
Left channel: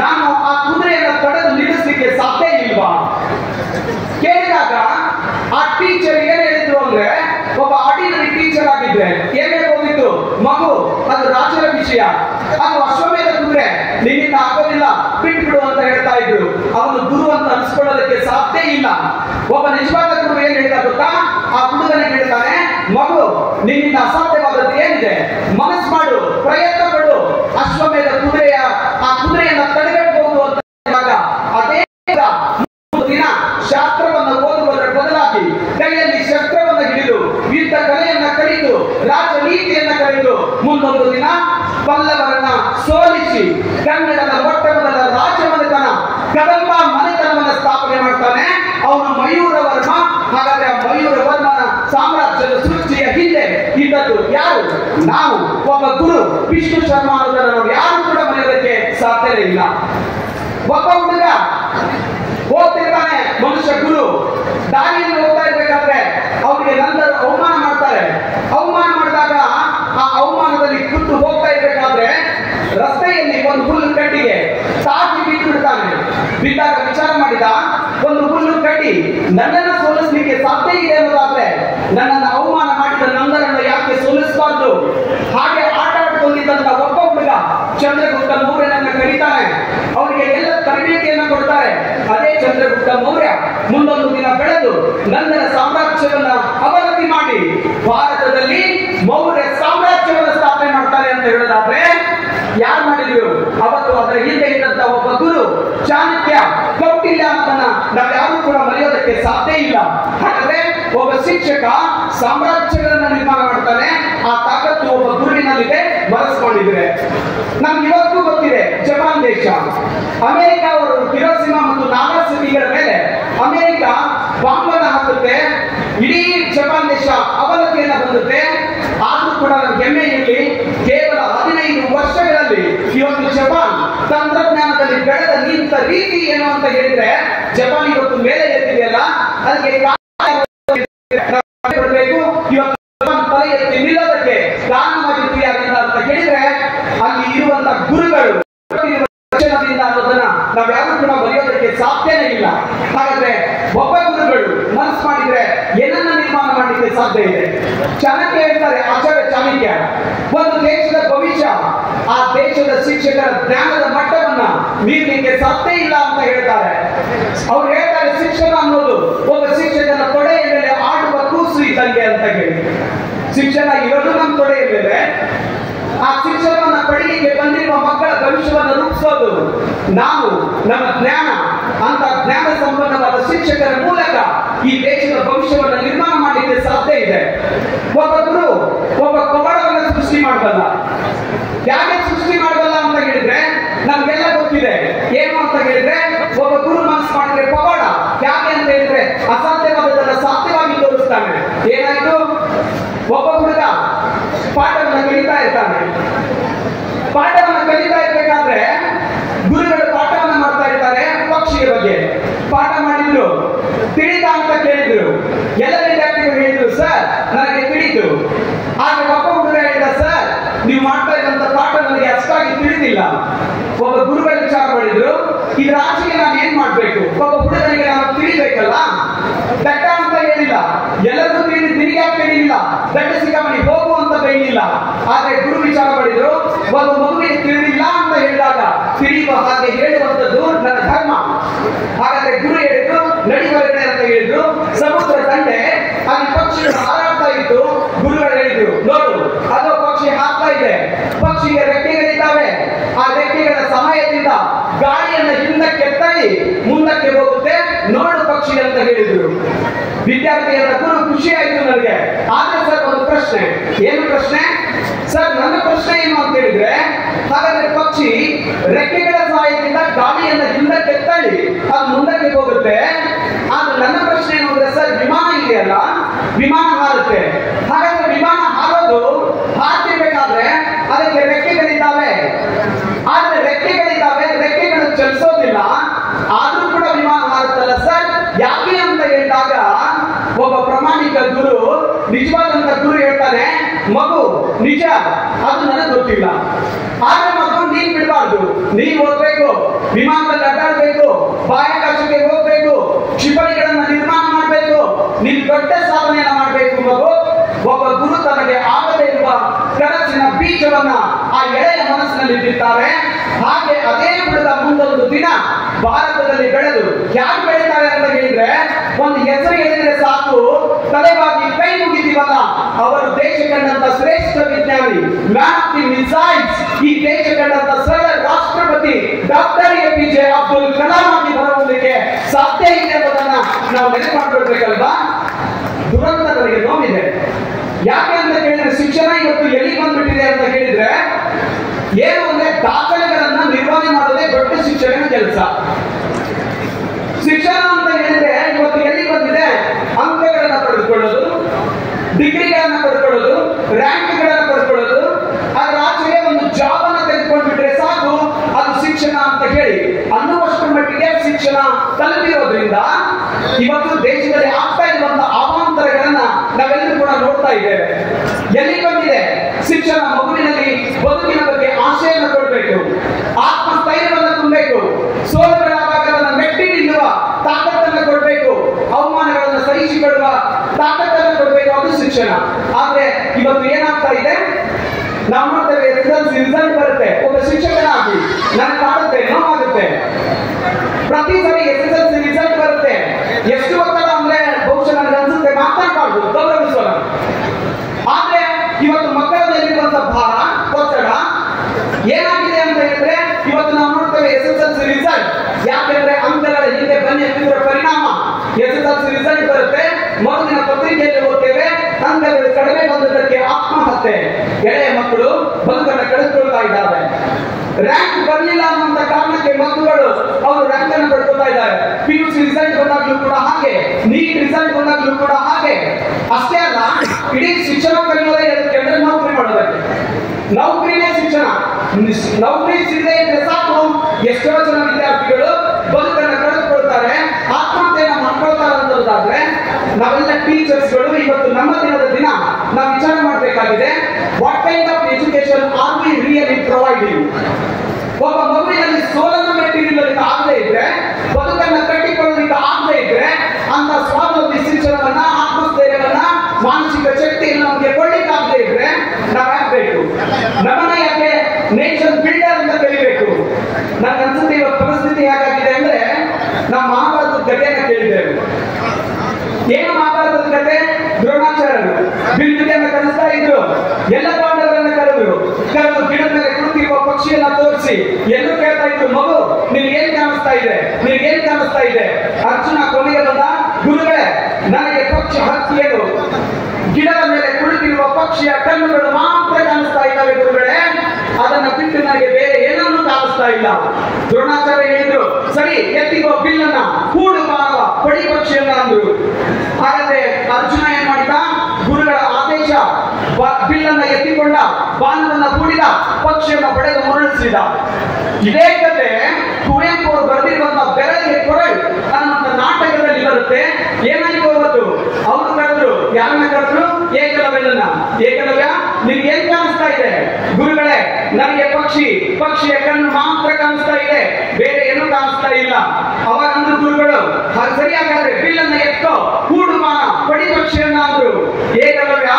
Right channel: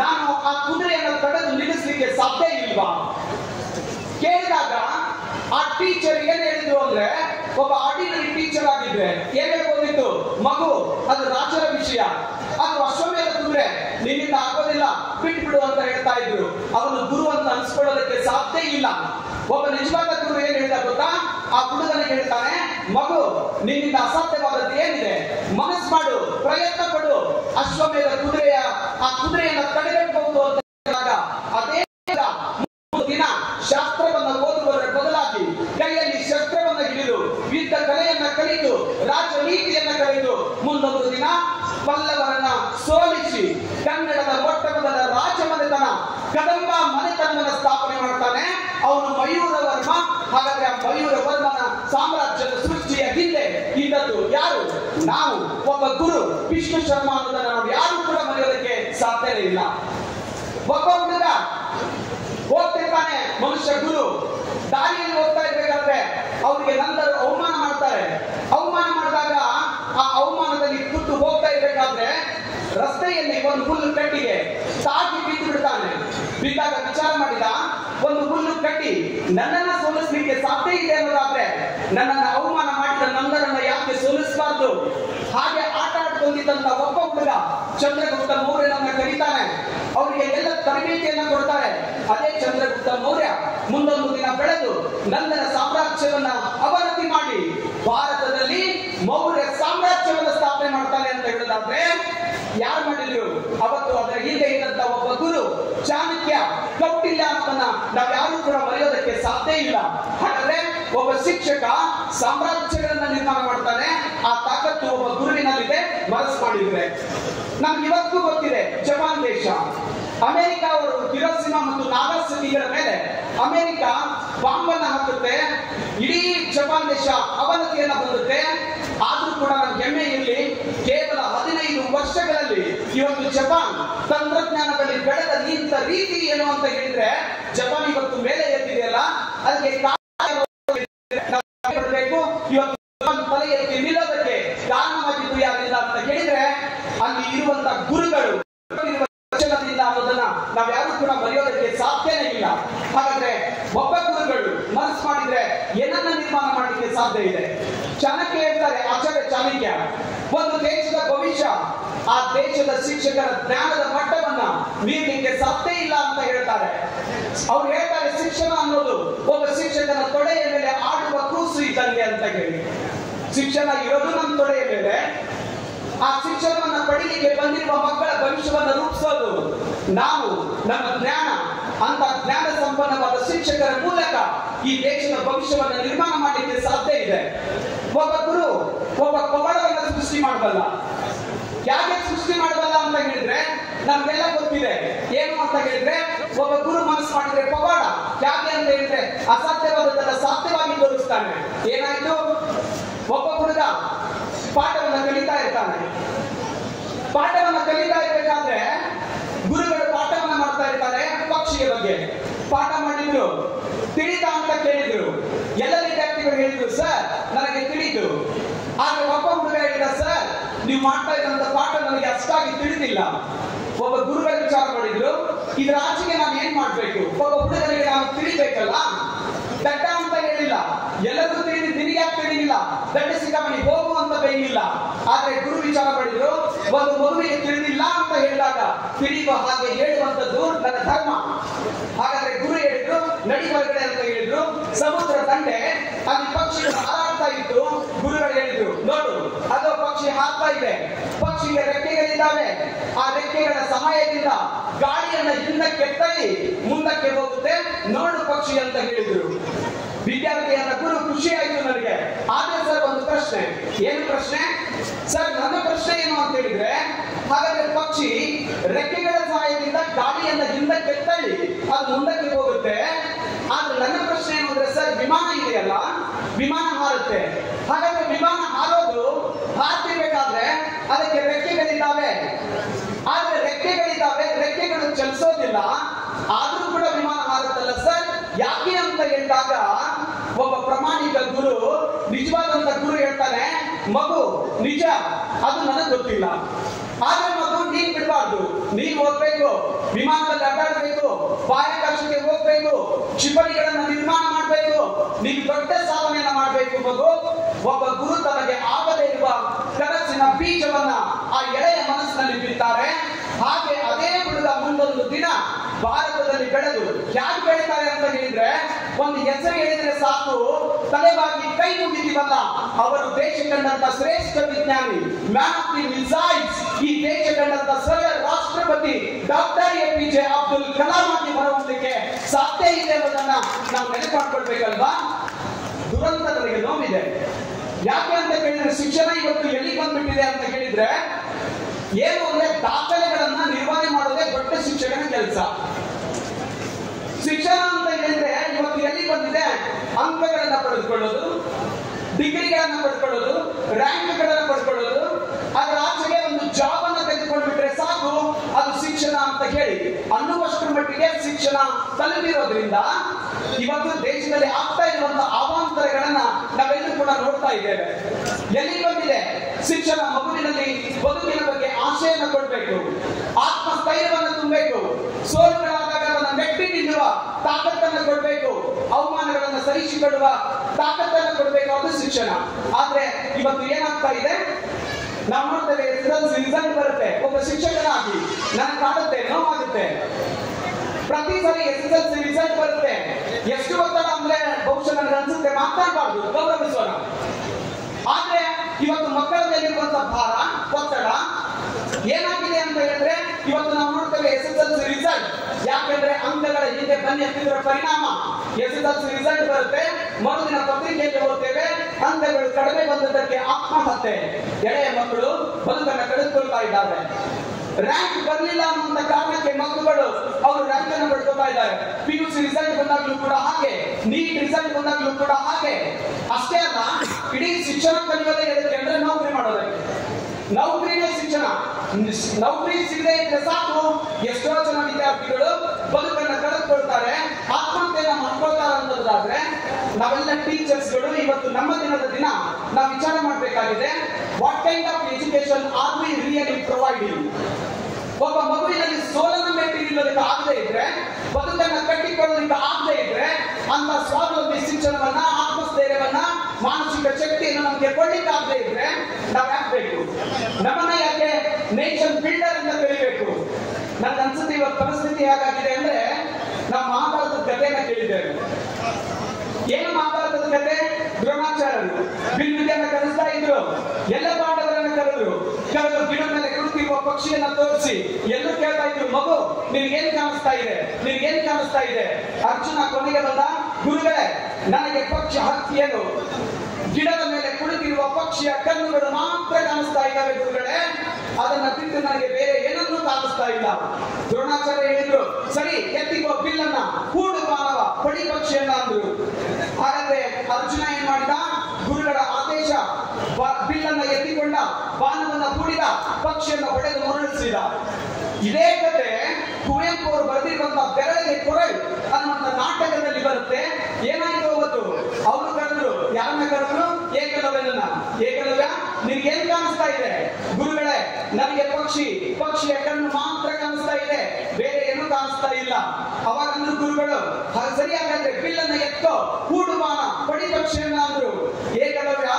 ನಾನು ಆ ಕುದುರೆಯನ್ನು ತಡೆದು ನಿಲ್ಲಿಸಲಿಕ್ಕೆ ಸಾಧ್ಯ ಇಲ್ವಾ? ಕೇಳಿದಾಗ ಆ ಟೀಚರ್ ಏನ್ ಹೇಳಿದ್ರು ಅಂದ್ರೆ, ಒಬ್ಬ ಆರ್ಡಿನರಿ ಟೀಚರ್ ಆಗಿದ್ರೆ ಏನ್ ಹೇಳ್ಬೋದಿತ್ತು? ಮಗು, ಅದು ರಾಜರ ವಿಷಯ, ಅದು ಅಶ್ವಮೇಧ ಕುದುರೆ, ನಿನ್ನಿಂದ ಆಗೋದಿಲ್ಲ, ಬಿಟ್ಬಿಡು ಅಂತ ಹೇಳ್ತಾ ಇದ್ರು. ಅವನು ಗುರು ಅಂತ ಅನ್ಸ್ಕೊಳ್ಳೋದಕ್ಕೆ ಸಾಧ್ಯ ಇಲ್ಲ. ಒಬ್ಬ ನಿಜವಾದ ಗುರು ಏನ್ ಹೇಳ್ತಾ ಗೊತ್ತಾ? ಆ ಹುಡುಗನಿಗೆ ಹೇಳ್ತಾನೆ, ಮಗು, ನಿನ್ನಿಂದ ಅಸಾಧ್ಯವಾದದ್ದು ಏನಿದೆ? ಮನಸ್ಸು ಮಾಡು, ಪ್ರಯತ್ನ ಪಡು, ಅಶ್ವಮೇಧ ಕುದುರೆಯ ಆ ಕುದುರೆಯನ್ನ ತಡೆಗಟ್ಟಬಹುದು ಅಂತ ಹೇಳಿದಾಗ ಅದೇ ದಿನ ಶಾಸ್ತ್ರವನ್ನು ಓದುವುದರ ಬದಲಾಗಿ ಕೈಯಲ್ಲಿ ಶಸ್ತ್ರವನ್ನು ಹಿಡಿದು ಯುದ್ಧ ಕಲೆಯನ್ನ ಕಲಿತು ರಾಜನೀತಿಯನ್ನ ಕಲಿತು ಮುಂದೊಂದು ದಿನ ಪಲ್ಲವರನ್ನ ಸೋಲಿಸಿ ಕಳಿಸಿ ಕನ್ನಡದ ಮೊಟ್ಟ ಮೊದಲ ರಾಜಮನೆತನ ಕದಂಬ ಮನೆತನವನ್ನು ಸ್ಥಾಪನೆ ಮಾಡ್ತಾನೆ ಅವನು ಮಯೂರ ವರ್ಮ. ಹಾಗಾದ್ರೆ ಆ ಮಯೂರ ವರ್ಮನ ಸಾಮ್ರಾಜ್ಯದ ಸೃಷ್ಟಿಯ ಹಿಂದೆ ಇದ್ದದ್ದು ಯಾರು? ನಾವು. ಒಬ್ಬ ಗುರು ವಿಷ್ಣು ಶರ್ಮಾ ಅನ್ನೋದನ್ನು ನಾವು ಯಾರು ಕೂಡ ಮರೆಯೋದಕ್ಕೆ ಸಾಧ್ಯವೇ ಇಲ್ಲ. ಒಬ್ಬ ಹುಡುಗ ಹೋಗ್ತಿರ್ತಾನೆ, ಮನುಷ್ಯ ಗುರು ದಾರಿಯಲ್ಲಿ ಹೋಗ್ತಾ ಇರ್ಬೇಕಾದ್ರೆ ಅವರಿಗೆ ನಂತರ ಅವಮಾನ ಮಾಡ್ತಾರೆ. ಅವಮಾನ ಮಾಡಿದಾಗ ಆ ಅವಮಾನದಲ್ಲಿ ಕುತ್ತು ಹೋಗ್ತಾ ಇರ್ಬೇಕಾದ್ರೆ ರಸ್ತೆಯಲ್ಲಿ ಒಂದು ಹುಲ್ಲು ಕಡ್ಡಿಗೆ ತಾಗಿ ಬಿದ್ದು ಬಿಡ್ತಾನೆ. ಬಿದ್ದಾಗ ವಿಚಾರ ಮಾಡಿದ, ಒಂದು ಹುಲ್ಲು ಕಡ್ಡಿ ನನ್ನನ್ನು ಸೋಲಿಸಲಿಕ್ಕೆ ಸಾಧ್ಯ ಇದೆ ಅನ್ನೋದಾದ್ರೆ ನನ್ನನ್ನು ಅವಮಾನ ಮಾಡಿದ ನಂದರನ್ನು ಯಾಕೆ ಸೋಲಿಸಬಾರ್ದು? ಹಾಗೆ ಆಟ ಆಡ್ಕೊಂಡಿದ್ದಂತ ಒಬ್ಬ ಹುಡುಗ ಚಂದ್ರಗುಪ್ತ ಮೌರ್ಯನನ್ನು ಕರೀತಾನೆ. ಅವರಿಗೆ ಎಲ್ಲ ತರಬೇತಿಯನ್ನ ಕೊಡ್ತಾರೆ. ಅದೇ ಚಂದ್ರಗುಪ್ತ ಮೌರ್ಯ ಮುಂದೊಂದು ದಿನ ಬೆಳೆದು ನಂದರ ಸಾಮ್ರಾಜ್ಯವನ್ನ ಅವನತಿ ಮಾಡಿ ಭಾರತದಲ್ಲಿ ಮೌರ್ಯ ಸಾಮ್ರಾಜ್ಯವನ್ನು ಸ್ಥಾಪನೆ ಮಾಡ್ತಾರೆ ಅಂತ ಹೇಳೋದಾದ್ರೆ ಯಾರು ಮಾಡಿದ್ರು? ಅವತ್ತು ಅದರ ಹಿಂದೆ ಇದ್ದಂತ ಒಬ್ಬ ಗುರು ಚಾಣಕ್ಯ, ಕೌಟಿಲ್ಯ ಅನ್ನೋದನ್ನ ನಾವು ಯಾರು ಕೂಡ ಮರೆಯೋದಕ್ಕೆ ಸಾಧ್ಯ ಇಲ್ಲ. ಹಾಗಾದ್ರೆ ಒಬ್ಬ ಶಿಕ್ಷಕ ಸಾಮ್ರಾಜ್ಯಗಳನ್ನ ನಿರ್ಮಾಣ ಮಾಡ್ತಾನೆ. ಆ ತಾಕತ್ತು ಒಬ್ಬ ಗುರುವಿನಲ್ಲಿದೆ. ಮನಸ್ಸು ನಮ್ಗೆ ಇವತ್ತು ಗೊತ್ತಿದೆ, ಜಪಾನ್ ದೇಶ, ಅಮೆರಿಕ ಅವರು ಹಿರೋಶಿಮಾ ಮತ್ತು ನಾಗಾಸಾಕಿಗಳ ಮೇಲೆ ಅಮೆರಿಕ ಬಾಂಬನ್ನು ಹಾಕುತ್ತೆ. ಇಡೀ ಜಪಾನ್ ದೇಶ ಅವನತಿಯನ್ನ ಬಂದುತ್ತೆ. ಆದ್ರೂ ಕೂಡ ನಮ್ಗೆ ಹೆಮ್ಮೆ ಇರಲಿ, ಕೇವಲ 15 ವರ್ಷಗಳಲ್ಲಿ ಇವತ್ತು ಜಪಾನ್ ತಂತ್ರಜ್ಞಾನದಲ್ಲಿ ಬೆಳೆದ ನಿಂತ ರೀತಿ ಏನು ಅಂತ ಹೇಳಿದ್ರೆ ಜಪಾನ್ ಇವತ್ತು ಮೇಲೆ ಎತ್ತಿದೆಯಲ್ಲ, ಅದಕ್ಕೆ ಇವತ್ತು ತಲೆ ಎತ್ತಿ ನಿಲ್ಲೋದಕ್ಕೆ ಕಾರಣವಾಗಿತ್ತು ಯಾರಿಂದ ಅಂತ ಹೇಳಿದ್ರೆ ಅಲ್ಲಿ ಇರುವಂತಹ ಗುರುಗಳು ಅನ್ನೋದನ್ನ ನಾವ್ಯಾರು ಕೂಡ ಮರೆಯೋದಕ್ಕೆ ಸಾಧ್ಯನೇ ಇಲ್ಲ. ಹಾಗಾದ್ರೆ ಒಬ್ಬ ಗುರುಗಳು ಮನಸ್ಸು ಮಾಡಿದ್ರೆ ಏನನ್ನ ನಿರ್ಮಾಣ ಮಾಡಲಿಕ್ಕೆ ಸಾಧ್ಯ ಇದೆ. ಚಾಣಕ್ಯ ಹೇಳ್ತಾರೆ, ಆಚಾರ್ಯ ಚಾಣಕ್ಯ, ಒಂದು ದೇಶದ ಭವಿಷ್ಯ ಆ ದೇಶದ ಶಿಕ್ಷಕರ ಜ್ಞಾನದ ಮಟ್ಟವನ್ನ ಮೀರಲಿಕ್ಕೆ ಸಾಧ್ಯ ಇಲ್ಲ ಅಂತ ಹೇಳ್ತಾರೆ. ಅವ್ರು ಹೇಳ್ತಾರೆ, ಶಿಕ್ಷಣ ಅನ್ನೋದು ಒಬ್ಬ ಶಿಕ್ಷಕನ ತೊಡೆಯ ಮೇಲೆ ಆಡುವ ಕೂಸು ಇದ್ದಂಗೆ ಅಂತ ಹೇಳಿ. ಶಿಕ್ಷಣ ಇರೋದು ನಮ್ಮ ತೊಡೆಯ ಮೇಲೆ. ಆ ಶಿಕ್ಷಣವನ್ನ ಪಡೆಯಲಿಕ್ಕೆ ಬಂದಿರುವ ಮಕ್ಕಳ ಭವಿಷ್ಯವನ್ನು ರೂಪಿಸೋದು ನಾವು. ನಮ್ಮ ಜ್ಞಾನ, ಅಂತ ಜ್ಞಾನ ಸಂಪನ್ನವಾದ ಶಿಕ್ಷಕರ ಮೂಲಕ ಈ ದೇಶದ ಭವಿಷ್ಯವನ್ನು ನಿರ್ಮಾಣ ಮಾಡಲಿಕ್ಕೆ ಸಾಧ್ಯ ಇದೆ. ಒಬ್ಬ ಗುರು ಒಬ್ಬ ಕವಾಡವನ್ನು ಸೃಷ್ಟಿ ಮಾಡಬಲ್ಲ. ಯಾಕೆ ಸೃಷ್ಟಿ ಮಾಡಬಲ್ಲ ಅಂತ ಹೇಳಿದ್ರೆ ನಮ್ಗೆಲ್ಲ ಗೊತ್ತಿದೆ. ಏನು ಅಂತ ಹೇಳಿದ್ರೆ ಒಬ್ಬ ಗುರು ಮನಸ್ಸು ಮಾಡಿದ್ರೆ ಪವಾಡ. ಯಾಕೆ ಅಂತ ಹೇಳಿದ್ರೆ ಅಸಾಧ್ಯವಾದದನ್ನ ಸಾಧ್ಯವಾಗಿ ತೋರಿಸ್ತಾನೆ. ಏನಾಯ್ತು? ಒಬ್ಬ ಹುಡುಗ ಪಾಠವನ್ನು ಕಲಿತಾ ಇರ್ತಾನೆ. ಪಾಠವನ್ನು ಕಲಿತಾ ಇರ್ಬೇಕಾದ್ರೆ ಗುರುಗಳು ಪಾಠವನ್ನು ಮಾಡ್ತಾ ಇರ್ತಾರೆ. ಪಕ್ಷಿಯ ಬಗ್ಗೆ ಪಾಠ ಮಾಡಿದ್ರು. ತಿಳಿದ ಅಂತ ಕೇಳಿದ್ರು. ಎಲ್ಲ ವಿದ್ಯಾರ್ಥಿಗಳು ಹೇಳಿದ್ರು, ಸರ್ ನನಗೆ ತಿಳಿತು. ಆಗ ಒಬ್ಬ ಹುಡುಗ ಹೇಳಿದ, ಸರ್ ನೀವು ಮಾಡ್ತಾ ಇದ್ದಂತ ಪಾಠ ನನಗೆ ಅಷ್ಟಾಗಿ ತಿಳಿದಿಲ್ಲ. ಒಬ್ಬ ಗುರುಗಳ ವಿಚಾರ ಮಾಡಿದ್ರು, ಇದ್ರ ಆಚೆಗೆ ನಾನು ಏನ್ ಮಾಡ್ಬೇಕು? ಒಬ್ಬ ಹುಡುಗನಿಗೆ ನಾನು ತಿಳಿಬೇಕಲ್ಲ. ದಡ್ಡ ಅಂತ ಹೇಳಿಲ್ಲ, ಎಲ್ಲರೂ ತಿಳಿದು ನಿನಗ್ಯಾಕೆ ತಿಳಿಲಿಲ್ಲ? ದಡ್ಡ ಸಿಕ್ಕಾಮಣಿ ಹೋಗು ಅಂತ ಬೈಲಿಲ್ಲ. ಆದ್ರೆ ಗುರು ವಿಚಾರ ಮಾಡಿದ್ರು, ಒಂದು ಮಗುವಿಗೆ ತಿಳಿದಿಲ್ಲ ಅಂತ ಹೇಳಿದಾಗ ತಿಳಿಯುವ ಹಾಗೆ ಹೇಳುವಂತದ್ದು ನನ್ನ ಧರ್ಮ. ಹಾಗಾದ್ರೆ ಗುರು ಹೇಳಿದ್ರು, ನಡಿ ಹೊರಗಡೆ ಅಂತ ಹೇಳಿದ್ರು. ಸಮುದ್ರ ದಂಡೆ, ಅಲ್ಲಿ ಪಕ್ಷಿಗಳು ಹಾರಾಡ್ತಾ ಇತ್ತು. ಗುರುಗಳು ಹೇಳಿದ್ರು, ನೋಡು ಅದು ಪಕ್ಷಿ ಹಾಕ್ತಾ ಇದೆ. ಪಕ್ಷಿಗೆ ರೆಕ್ಕೆಗಳಿದ್ದಾವೆ. ಆ ರೆಕ್ಕೆಗಳ ಸಮಯದಿಂದ ಗಾಳಿಯನ್ನ ಹಿಂದಕ್ಕೆ ತಳ್ಳಿ ಮುಂದಕ್ಕೆ ಹೋಗುತ್ತೆ. ನೋಡು ಪಕ್ಷಿ ಅಂತ ಹೇಳಿದ್ರು. ವಿದ್ಯಾರ್ಥಿಗಳ ಗುರು ಖುಷಿ ಆಯ್ತು ನನಗೆ. ಆದ್ರೆ ಸರ್ ಒಂದು ಪ್ರಶ್ನೆ. ಏನು ಪ್ರಶ್ನೆ? ಸರ್ ನನ್ನ ಪ್ರಶ್ನೆ ಏನು ಅಂತ ಹೇಳಿದ್ರೆ, ಹಾಗಾದ್ರೆ ಪಕ್ಷಿ ರೆಕ್ಕೆಗಳ ಸಹಾಯದಿಂದ ಗಾಳಿಯನ್ನ ಹಿಂದಕ್ಕೆ ತಳ್ಳಿ ಅದು ಮುಂದಕ್ಕೆ ಹೋಗುತ್ತೆ. ಆದ್ರೆ ನನ್ನ ಪ್ರಶ್ನೆ ಏನು ಅಂದ್ರೆ, ಸರ್ ವಿಮಾನ ಇದೆಯಲ್ಲ, ವಿಮಾನ ಹಾರುತ್ತೆ. ಹಾಗಾದ್ರೆ ವಿಮಾನ ಹಾರೋದು ಹಾರ್ತಿರ್ಬೇಕಾದ್ರೆ ಅದಕ್ಕೆ ರೆಕ್ಕೆಗಳಿದ್ದಾವೆ. ಆದ್ರೆ ರೆಕ್ಕೆಗಳಿದ್ದಾವೆ, ರೆಕ್ಕೆಗಳು ಚಲಿಸೋದಿಲ್ಲ. ಆದ್ರೂ ಕೂಡ ವಿಮಾನ ಹಾರುತ್ತಲ್ಲ ಸರ್, ಯಾಕೆ ಅಂತ ಹೇಳಿದಾಗ ಒಬ್ಬ ಪ್ರಾಮಾಣಿಕ ಗುರು, ನಿಜವಾದಂತ ಗುರು ಹೇಳ್ತಾನೆ, ಮಗು ನಿಜ ಅದು ನನಗೆ ಗೊತ್ತಿಲ್ಲ. ಆದ್ರೆ ಮಗು ನೀನ್ ಬಿಡಬಾರ್ದು. ನೀನ್ ಹೋಗ್ಬೇಕು, ವಿಮಾನದಲ್ಲಿ ಅಡ್ಡಾಡ್ಬೇಕು, ಬಾಹ್ಯಾಕಾಶಕ್ಕೆ ಹೋಗ್ಬೇಕು, ಕ್ಷಿಪಣಿಗಳನ್ನ ನಿರ್ಮಾಣ ಮಾಡ್ಬೇಕು, ನೀನ್ ದೊಡ್ಡ ಸಾಧನೆಯನ್ನ ಮಾಡ್ಬೇಕು ಮಗು. ಒಬ್ಬ ಗುರು ತನಗೆ ಆಗದೇ ಇರುವ ಕನಸಿನ ಬೀಜವನ್ನ ಆ ಎಳೆಯ ಮನಸ್ಸಿನಲ್ಲಿ ಬಿತ್ತಾರೆ. ಹಾಗೆ ಅದೇ ಹುಡುಗ ಮುಂದೊಂದು ದಿನ ಭಾರತದಲ್ಲಿ ಬೆಳೆದು ಯಾರು ಬೆಳೀತಾರೆ ಅಂತ ಹೇಳಿದ್ರೆ, ಒಂದು ಹೆಸರು ಹೇಳಿದ್ರೆ ಸಾಕು ತಲೆಬಾಗಿ ಕೈ ಮುಗಿತೀವಲ್ಲ, ಅವರು ದೇಶ ಕಂಡಂತ ಶ್ರೇಷ್ಠ ವಿಜ್ಞಾನಿ, ಮ್ಯಾನ್ ಆಫ್ ದಿ ಮಿಸೈಲ್ಸ್, ಈ ದೇಶ ಕಂಡಂತ ಸರಳ ರಾಷ್ಟ್ರಪತಿ ಡಾಕ್ಟರ್ APJ ಅಬ್ದುಲ್ ಕಲಾಂ ಆಗಿ ಬರಲಿಕ್ಕೆ ಸಾಧ್ಯ ಇದೆ ಅನ್ನೋದನ್ನ ನಾವು ನೆನಪು ಮಾಡ್ಕೊಳ್ಬೇಕಲ್ವಾ? ದುರಂತ ನನಗೆ ನೋವಿದೆ. ಯಾಕೆ ಅಂತ ಕೇಳಿದ್ರೆ, ಶಿಕ್ಷಣ ಇವತ್ತು ಎಲ್ಲಿ ಬಂದ್ಬಿಟ್ಟಿದೆ ಅಂತ ಹೇಳಿದ್ರೆ ಏನು ಅಂದ್ರೆ ದಾಖಲೆಗಳನ್ನ ಶಿಕ್ಷಣದ ಕೆಲಸ. ಶಿಕ್ಷಣ ಅಂತ ಹೇಳಿದ್ರೆ ಇವತ್ತು ಎಲ್ಲಿ ಬಂದಿದೆ? ಅಂಕಗಳನ್ನ ಪಡೆದುಕೊಳ್ಳೋದು, ಡಿಗ್ರಿಗಳನ್ನ ಪಡೆದುಕೊಳ್ಳೋದು, ರ್ಯಾಂಕ್ಗಳನ್ನ ಪಡೆದುಕೊಳ್ಳೋದು, ಅದರ ಆಚೆಗೆ ಒಂದು ಜಾಬ್ ಅನ್ನ ತೆಗೆದುಕೊಂಡ್ಬಿಟ್ರೆ ಸಾಕು ಅದು ಶಿಕ್ಷಣ ಅಂತ ಹೇಳಿ ಅನ್ನುವಷ್ಟರ ಮಟ್ಟಿಗೆ ಶಿಕ್ಷಣ ತಲುಪಿರೋದ್ರಿಂದ ಇವತ್ತು ದೇಶದಲ್ಲಿ ಆಗ್ತಾ ಇರುವಂತಹ ಅವಾಂತರಗಳನ್ನ ನಾವೆಲ್ಲರೂ ಕೂಡ ನೋಡ್ತಾ ಇದ್ದೇವೆ. ಎಲ್ಲಿ ಬಂದಿದೆ? ಶಿಕ್ಷಣ ಮಗುವಿನಲ್ಲಿ ಬದುಕಿನ ಬಗ್ಗೆ ಆಶೆಯನ್ನು ಕೊಡಬೇಕು, ಆತ್ಮಸ್ಥೈರ್ಯವನ್ನು ತುಂಬಬೇಕು, ಸೋಲುಗಳಾದಾಗ ಅದನ್ನು ಮೆಟ್ಟಿ ನಿಲ್ಲುವ ತಾಕತ್ತನ್ನು ಕೊಡಬೇಕು, ಅವಮಾನಗಳನ್ನು ಸಹಿಸಿಕೊಳ್ಳುವ ತಾಕತ್ತನ್ನು ಕೊಡಬೇಕು, ಅದು ಶಿಕ್ಷಣ. ಆದ್ರೆ ಇವತ್ತು ಏನಾಗ್ತಾ ಇದೆ? ನಾವು ನೋಡ್ತೇವೆ, ರಿಸಲ್ಟ್ ಬರುತ್ತೆ, ಒಬ್ಬ ಶಿಕ್ಷಕನಾಗಿ ನನಗೆ ಕಾಡುತ್ತೆ, ನೋವಾಗುತ್ತೆ. ಪ್ರತಿ ಸರಿ SSLC ರಿಸಲ್ಟ್ ಬರುತ್ತೆ, ಎಷ್ಟು ಒತ್ತಡ ಅಂದ್ರೆ ಬಹುಶಃ ನನಗೆ ಅನ್ಸುತ್ತೆ ಮಾತಾಡಬಾರ್ದು, ಗೌರವಿಸೋಣ. ಆದ್ರೆ ಇವತ್ತು ಮಕ್ಕಳ ಮೇಲಿರುವಂತಹ ಭಾರ, ಒತ್ತಡ ಏನಾಗಿದೆ ಅಂತ ಹೇಳಿದ್ರೆ ಇವತ್ತು ನಾವು ನೋಡ್ತೇವೆ SSLC ರಿಸಲ್ಟ್. ಯಾಕೆಂದ್ರೆ ಅಂಕಗಳ ಹಿಂದೆ ಬನ್ನಿ ಅಂತಿರುವ ಪರಿಣಾಮ SSLC ರಿಸಲ್ಟ್ ಬರುತ್ತೆ, ಮರುದಿನ ಪತ್ರಿಕೆಯಲ್ಲಿ ಓದ್ತೇವೆ ಅಂಕಗಳು ಕಡಿಮೆ ಬಂದದಕ್ಕೆ ಆತ್ಮಹತ್ಯೆ, ಎಳೆಯ ಮಕ್ಕಳು ಬದುಕನ್ನು ಕಳೆದುಕೊಳ್ತಾ ಇದ್ದಾರೆ. ರ್ಯಾಂಕ್ ಬರಲಿಲ್ಲ ಅನ್ನುವಂತ ಕಾರಣಕ್ಕೆ ಮಕ್ಕಳು ಅವರು ರ್ಯಾಂಕ್ ಅನ್ನು ಪಡ್ಕೊಳ್ತಾ ಇದ್ದಾರೆ. PUC ರಿಸಲ್ಟ್ ಬಂದಾಗ್ಲೂ ಕೂಡ ಹಾಗೆ, ನೀಟ್ ರಿಸಲ್ಟ್ ಬಂದಾಗ್ಲೂ ಕೂಡ ಹಾಗೆ. ಅಷ್ಟೇ ಅಲ್ಲ, ಇಡೀ ಶಿಕ್ಷಣ ಕಲಿಯೋದೇ ಅಂದ್ರೆ ನೌಕರಿ ಮಾಡೋದಕ್ಕೆ. ನೌಕರಿನೇ ಶಿಕ್ಷಣ. ನೌಕರಿ ಸಿಗದೆ ಇದ್ರೆ ಸಾಕು ಎಷ್ಟೋ ಜನ ವಿದ್ಯಾರ್ಥಿಗಳು ಬದುಕನ್ನು ಕಳೆದುಕೊಳ್ತಾರೆ, ಆತ್ಮಹತ್ಯೆಯನ್ನು ಮಾಡ್ಕೊಳ್ತಾರೆ ಅನ್ನೋದಾದ್ರೆ ನಾವೆಲ್ಲ ಟೀಚರ್ಸ್ಗಳು ಇವತ್ತು ನಮ್ಮ ದಿನದ ದಿನ ನಾವು ವಿಚಾರ ಮಾಡಬೇಕಾಗಿದೆ. What kind of education are we really providing? ಒಬ್ಬ ಮಗುವಿನಲ್ಲಿ ಸೋಲನ್ನು ಮೆಟ್ಟಿ ನಿಲ್ಲೋದಕ್ಕೆ ಆಗದೆ ಇದ್ರೆ, ಬದುಕನ್ನು ಕಟ್ಟಿಕೊಳ್ಳೋದಕ್ಕೆ ಆಗದೆ ಇದ್ರೆ, ಅಂತ ಸ್ವಾವಲಂಬಿ ಶಿಕ್ಷಣವನ್ನ, ಆತ್ಮಸ್ಥೈರ್ಯವನ್ನ, ಮಾನಸಿಕ ಶಕ್ತಿಯನ್ನು ನಮಗೆ ಕೊಡ್ಲಿಕ್ಕೆ ಆಗದೆ ಇದ್ರೆ ನಾವಾಗಬೇಕು. ನಮ್ಮನ್ನ ಯಾಕೆ ನೇಷನ್ ಬಿಲ್ಡರ್ ಅಂತ ಕಲಿಬೇಕು? ನನ್ಗೆ ಅನ್ಸುತ್ತೆ ಇವತ್ತು ಪರಿಸ್ಥಿತಿ ಹೇಗಾಗಿದೆ ಅಂದ್ರೆ, ನಾವು ಮಹಾಭಾರತದ ಕಥೆಯನ್ನ ಕೇಳಿದ್ದೇವೆ. ಏನು ಮಹಾಭಾರತದ ಕಥೆ? ದ್ರೋಣಾಚಾರ್ಯರು ಬಿಲ್ವಿದ್ಯೆಯನ್ನು ಕಲಿಸ್ತಾ ಇದ್ರು, ಎಲ್ಲ ಪಾಂಡವರನ್ನ ಕರೆದು ಗಿಡದ ಮೇಲೆ ಕುಳಿತಿರುವ ಪಕ್ಷಿಯನ್ನ ತೋರಿಸಿ ಎಲ್ಲರೂ ಕೇಳ್ತಾ ಇದ್ರು, ಮಗು ನಿನ್ಗೇನ್ ಕಾಣಿಸ್ತಾ ಇದೆ, ನಿನ್ಗೇನ್ ಕಾಣಿಸ್ತಾ ಇದೆ? ಅರ್ಜುನ ಕೊನೆಗೆ ಬಂದ, ಗುರುಗಳೇ ನನಗೆ ಪಕ್ಷಿ ಹಕ್ಕಿಯರು ಗಿಡದ ಮೇಲೆ ಕುಳಿತಿರುವ ಪಕ್ಷಿಯ ಕಣ್ಣುಗಳು ಮಾತ್ರ ಕಾಣಿಸ್ತಾ ಇದ್ದಾವೆ ಗುರುಗಳೇ, ಅದನ್ನ ಬಿಟ್ಟು ನನಗೆ ಬೇರೆ ಏನನ್ನೂ ಕಾಣಿಸ್ತಾ ಇಲ್ಲ. ದ್ರೋಣಾಚಾರ್ಯ ಹೇಳಿದ್ರು, ಸರಿ ಎತ್ತಿಗೋ ಬಿಲ್ಲನ್ನ, ಕೂಡು ಬಾಣವ, ಪಡಿ ಪಕ್ಷಿಯನ್ನ ಅಂದ್ರು. ಹಾಗಾದ್ರೆ ಅರ್ಜುನ ಏನ್ ಮಾಡಿದ? ಗುರುಗಳ ಆದೇಶ, ಬಿಲ್ಲನ್ನ ಎತ್ತಿಕೊಂಡ, ಬಾಣವನ್ನ ಕೂಡಿದ, ಪಕ್ಷಿಯನ್ನ ಪಡೆದು ಮುರುಳಿಸಿದ. ಇದೇ ಕತೆ ಕುವೆಂಪು ಅವರು ಬರೆದಿರುವಂತಹ ಬೆರಳಿಗೆ ಕೊರಳು ಅನ್ನುವಂತ ನಾಟಕದಲ್ಲಿ ಬರುತ್ತೆ. ಏನಾಯ್ತು ಅವತ್ತು? ಅವರು ಕರೆದ್ರು, ಯಾರನ್ನ ಕರೆದ್ರು? ಏಕಲವ್ಯನನ್ನ. ಏಕಲವ್ಯ ನಿಮ್ಗೆ ಏನ್ ಕಾಣಿಸ್ತಾ ಇದೆ? ಗುರುಗಳೇ ನನಗೆ ಪಕ್ಷಿಯ ಕಣ್ಣು ಮಾತ್ರ ಕಾಣಿಸ್ತಾ ಇದೆ, ಬೇರೆ ಏನೂ ಕಾಣಿಸ್ತಾ ಇಲ್ಲ. ಅವರಂದ್ರು ಗುರುಗಳು, ಸರಿಯಾಗಾದ್ರೆ ಬಿಲ್ಲನ್ನ ಎತ್ತೋ, ಕೂಡು ಬಾಣ, ಪಡಿ ಪಕ್ಷಿಯನ್ನ ಅಂದ್ರು. ಏಕಲವ್ಯ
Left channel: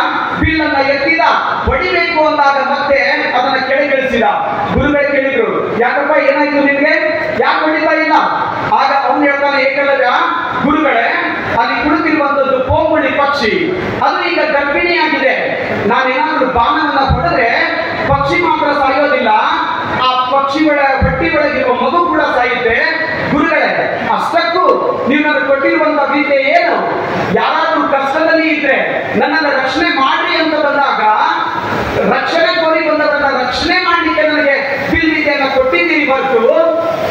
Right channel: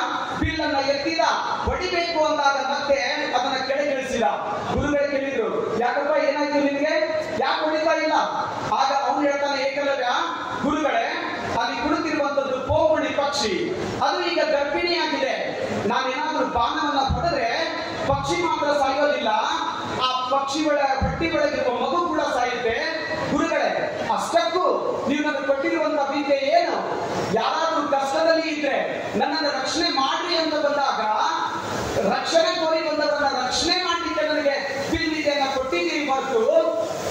ಬಿಲ್ಲನ್ನ ಎತ್ತಿದ, ಹೊಡಿಬೇಕು ಅಂದಾಗ ಮತ್ತೆ ಅದನ್ನ ಕೆಳಗಿಳಿಸಿದ. ಗುರುಗಳು ಕೇಳಿದ್ರು, ಯಾಕಪ್ಪ ಏನಾಯ್ತು ನಿಮ್ಗೆ, ಯಾಕೆ ಹೊಡಿತಾ ಇಲ್ಲ? ಆಗ ಅವನು ಹೇಳ್ತಾನೆ, ಏಕಲವ್ಯ ಗುರುಗಳೇ ಅಲ್ಲಿ ಕುಳಿತಿರುವಂತದ್ದು ಪೋಂಗುಳಿ ಪಕ್ಷಿ, ಅದು ಈಗ ಗರ್ಭಿಣಿಯಾಗಿದೆ. ನಾನೇನಾದ್ರೂ ಬಾಣವನ್ನ ಪಡೆದ್ರೆ ಪಕ್ಷಿ ಮಾತ್ರ ಸಾಯೋದಿಲ್ಲ, ಆ ಪಕ್ಷಿ ಹೊಟ್ಟಿ ಒಳಗಿರುವ ಮಗು ಕೂಡ ಸಾಯುತ್ತೆ. ಗುರುಗಳೇ ಅಷ್ಟಕ್ಕೂ ನೀವು ನನಗೆ ಕೊಟ್ಟಿರುವಂತಹ ವಿದ್ಯೆ ಏನು? ಯಾರಾದ್ರೂ ಕಷ್ಟದಲ್ಲಿ ಇದ್ರೆ ನನ್ನನ್ನು ರಕ್ಷಣೆ ಮಾಡ್ರಿ ಅಂತ ಬಂದಾಗ, ರಕ್ಷಣೆ ಕೋರಿ ಬಂದವರನ್ನ ರಕ್ಷಣೆ ಮಾಡ್ಲಿಕ್ಕೆ ನನಗೆ ವಿದ್ಯೆಯನ್ನ ಕೊಟ್ಟಿದ್ದೀರಿ ಹೊರತು,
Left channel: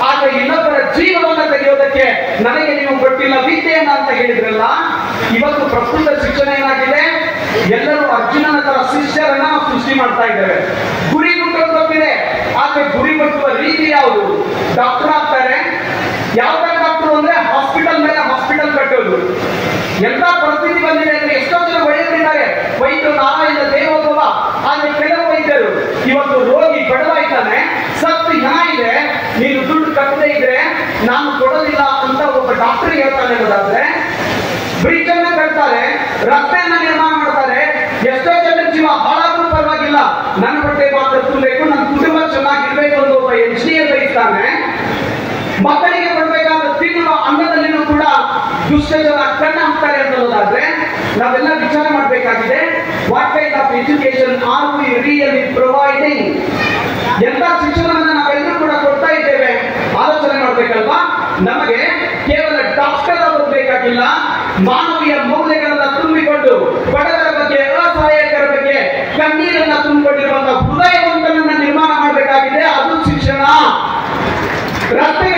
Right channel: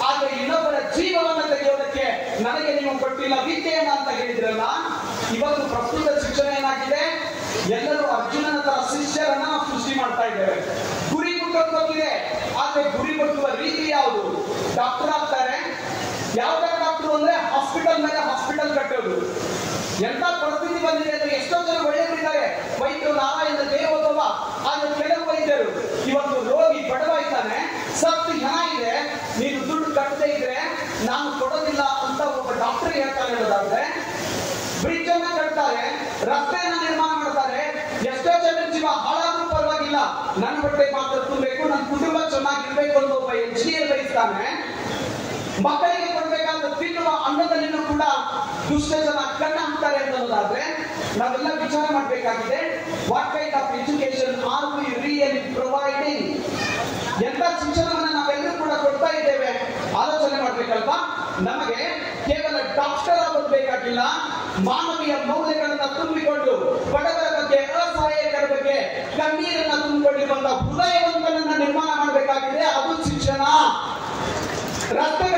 ಆದ್ರೆ ಇನ್ನೊಬ್ಬರ ಜೀವನವನ್ನು ತೆಗೆಯೋದಕ್ಕೆ ನನಗೆ ನೀವು ಕೊಟ್ಟಿಲ್ಲ ವಿದ್ಯೆಯನ್ನ ಅಂತ ಹೇಳಿದ್ರಲ್ಲ. ಇವತ್ತು ಪ್ರಸ್ತುತ ಶಿಕ್ಷಣ ಏನಾಗಿದೆ? ಎಲ್ಲರೂ ಅರ್ಜುನನ ತರ ಶಿಷ್ಯರನ್ನ ಸೃಷ್ಟಿ ಮಾಡ್ತಾ ಇದ್ದೇವೆ. ಗುರಿ ಮುಟ್ಟೋದು ಗೊತ್ತಿದೆ, ಆದ್ರೆ ಗುರಿ ಮುಟ್ಟುವ ರೀತಿ ಯಾವುದು? ಡಾಕ್ಟರ್ ಆಗ್ತಾರೆ. ಯಾವ ತರ ಡಾಕ್ಟರ್ ಅಂದ್ರೆ ಹಾಸ್ಪಿಟಲ್ ಮೇಲೆ ಹಾಸ್ಪಿಟಲ್ ಕಟ್ಟೋದು. ಎಂತ ಪರಿಸ್ಥಿತಿ ಬಂದಿದೆ ಅಂದ್ರೆ ಎಷ್ಟೋ ಜನ ವೈದ್ಯರಿದ್ದಾರೆ, ವೈದ್ಯರು ನಾರಾಯಣ ದೇವೋಭವ. ಆದ್ರೆ ಕೆಲವು ವೈದ್ಯರು ಇವತ್ತು ರೋಗಿ ಬಡವಾಯ್ತಾನೆ, ಸತ್ತು ಹಣ ಇದೆ, ನೀನು ದುಡ್ಡು ಕಟ್ಟದೇ ಇದ್ರೆ ನಾನು ಕೊಡೋದಿಲ್ಲ ಅಂತ ಒಬ್ಬ ಡಾಕ್ಟರ್ ಹೇಳ್ತಾನೆ ಅನ್ನೋದಾದ್ರೆ, ಬ್ರಿಡ್ಜ್ ಅನ್ನ ಕಟ್ತಾರೆ, ರಸ್ತೆಯನ್ನ ನಿರ್ಮಾಣ ಮಾಡ್ತಾರೆ, ಎಷ್ಟೋ ಜನ ಜೀವ ಹಾಳಾದ್ರೂ ಪರವಾಗಿಲ್ಲ, ನನ್ನ ಹೊಟ್ಟೆ ಮಾತ್ರ ತುಂಬಬೇಕು, ನನ್ನ ಕುಟುಂಬ ಚೆನ್ನಾಗಿರ್ಬೇಕು ಅಂತ ಒಬ್ಬ ಎಂಜಿನಿಯರ್ ಬಯಸ್ತಾನೆ. ಮಕ್ಕಳಿಗೆ ಕೊಡ್ಬೇಕಾದ ತಿನ್ನುವ ಅನ್ನದಲ್ಲಿನೂ ಕೂಡ ದುಷ್ಟ ಜನ ಕಣ್ಣ ಹಾಕ್ತಾರೆ ಅನ್ನೋದಾದ್ರೆ ನಾವೆಲ್ಲ ವಿಚಾರ ಮಾಡಬೇಕಾಗಿದೆ. What kind of education are we really providing? ಎಂತ ಶಿಕ್ಷಣವನ್ನ ನಾವೆಲ್ಲರೂ ಕೂಡ ಕೊಡ್ತಾ ಇದ್ದೇವೆ? ಆಲೋಚನೆ ಮಾಡ್ಬೇಕಲ್ವಾ? ನಮಗೆ ಕೇವಲ ಡಾಕ್ಟರ್ ಅವರು ಬೇಕಾಗಿಲ್ಲ, ಮಾನವೀಯ ಮೌಲ್ಯಗಳನ್ನ ತುಂಬಿಕೊಂಡು ಬಡವರ ಬಗ್ಗೆ, ಅಸಹಾಯಕರ ಬಗ್ಗೆ ಕಣ್ಣೀರನ್ನ ತುಂಬಿಕೊಂಡಿರುವಂತಹ ಹೃದಯವಂತನನ್ನ ನಿರ್ಮಾಣ ಮಾಡಬೇಕಾಗಿದೆ. ಅದು ಶಿಕ್ಷಣ. ರಸ್ತೆ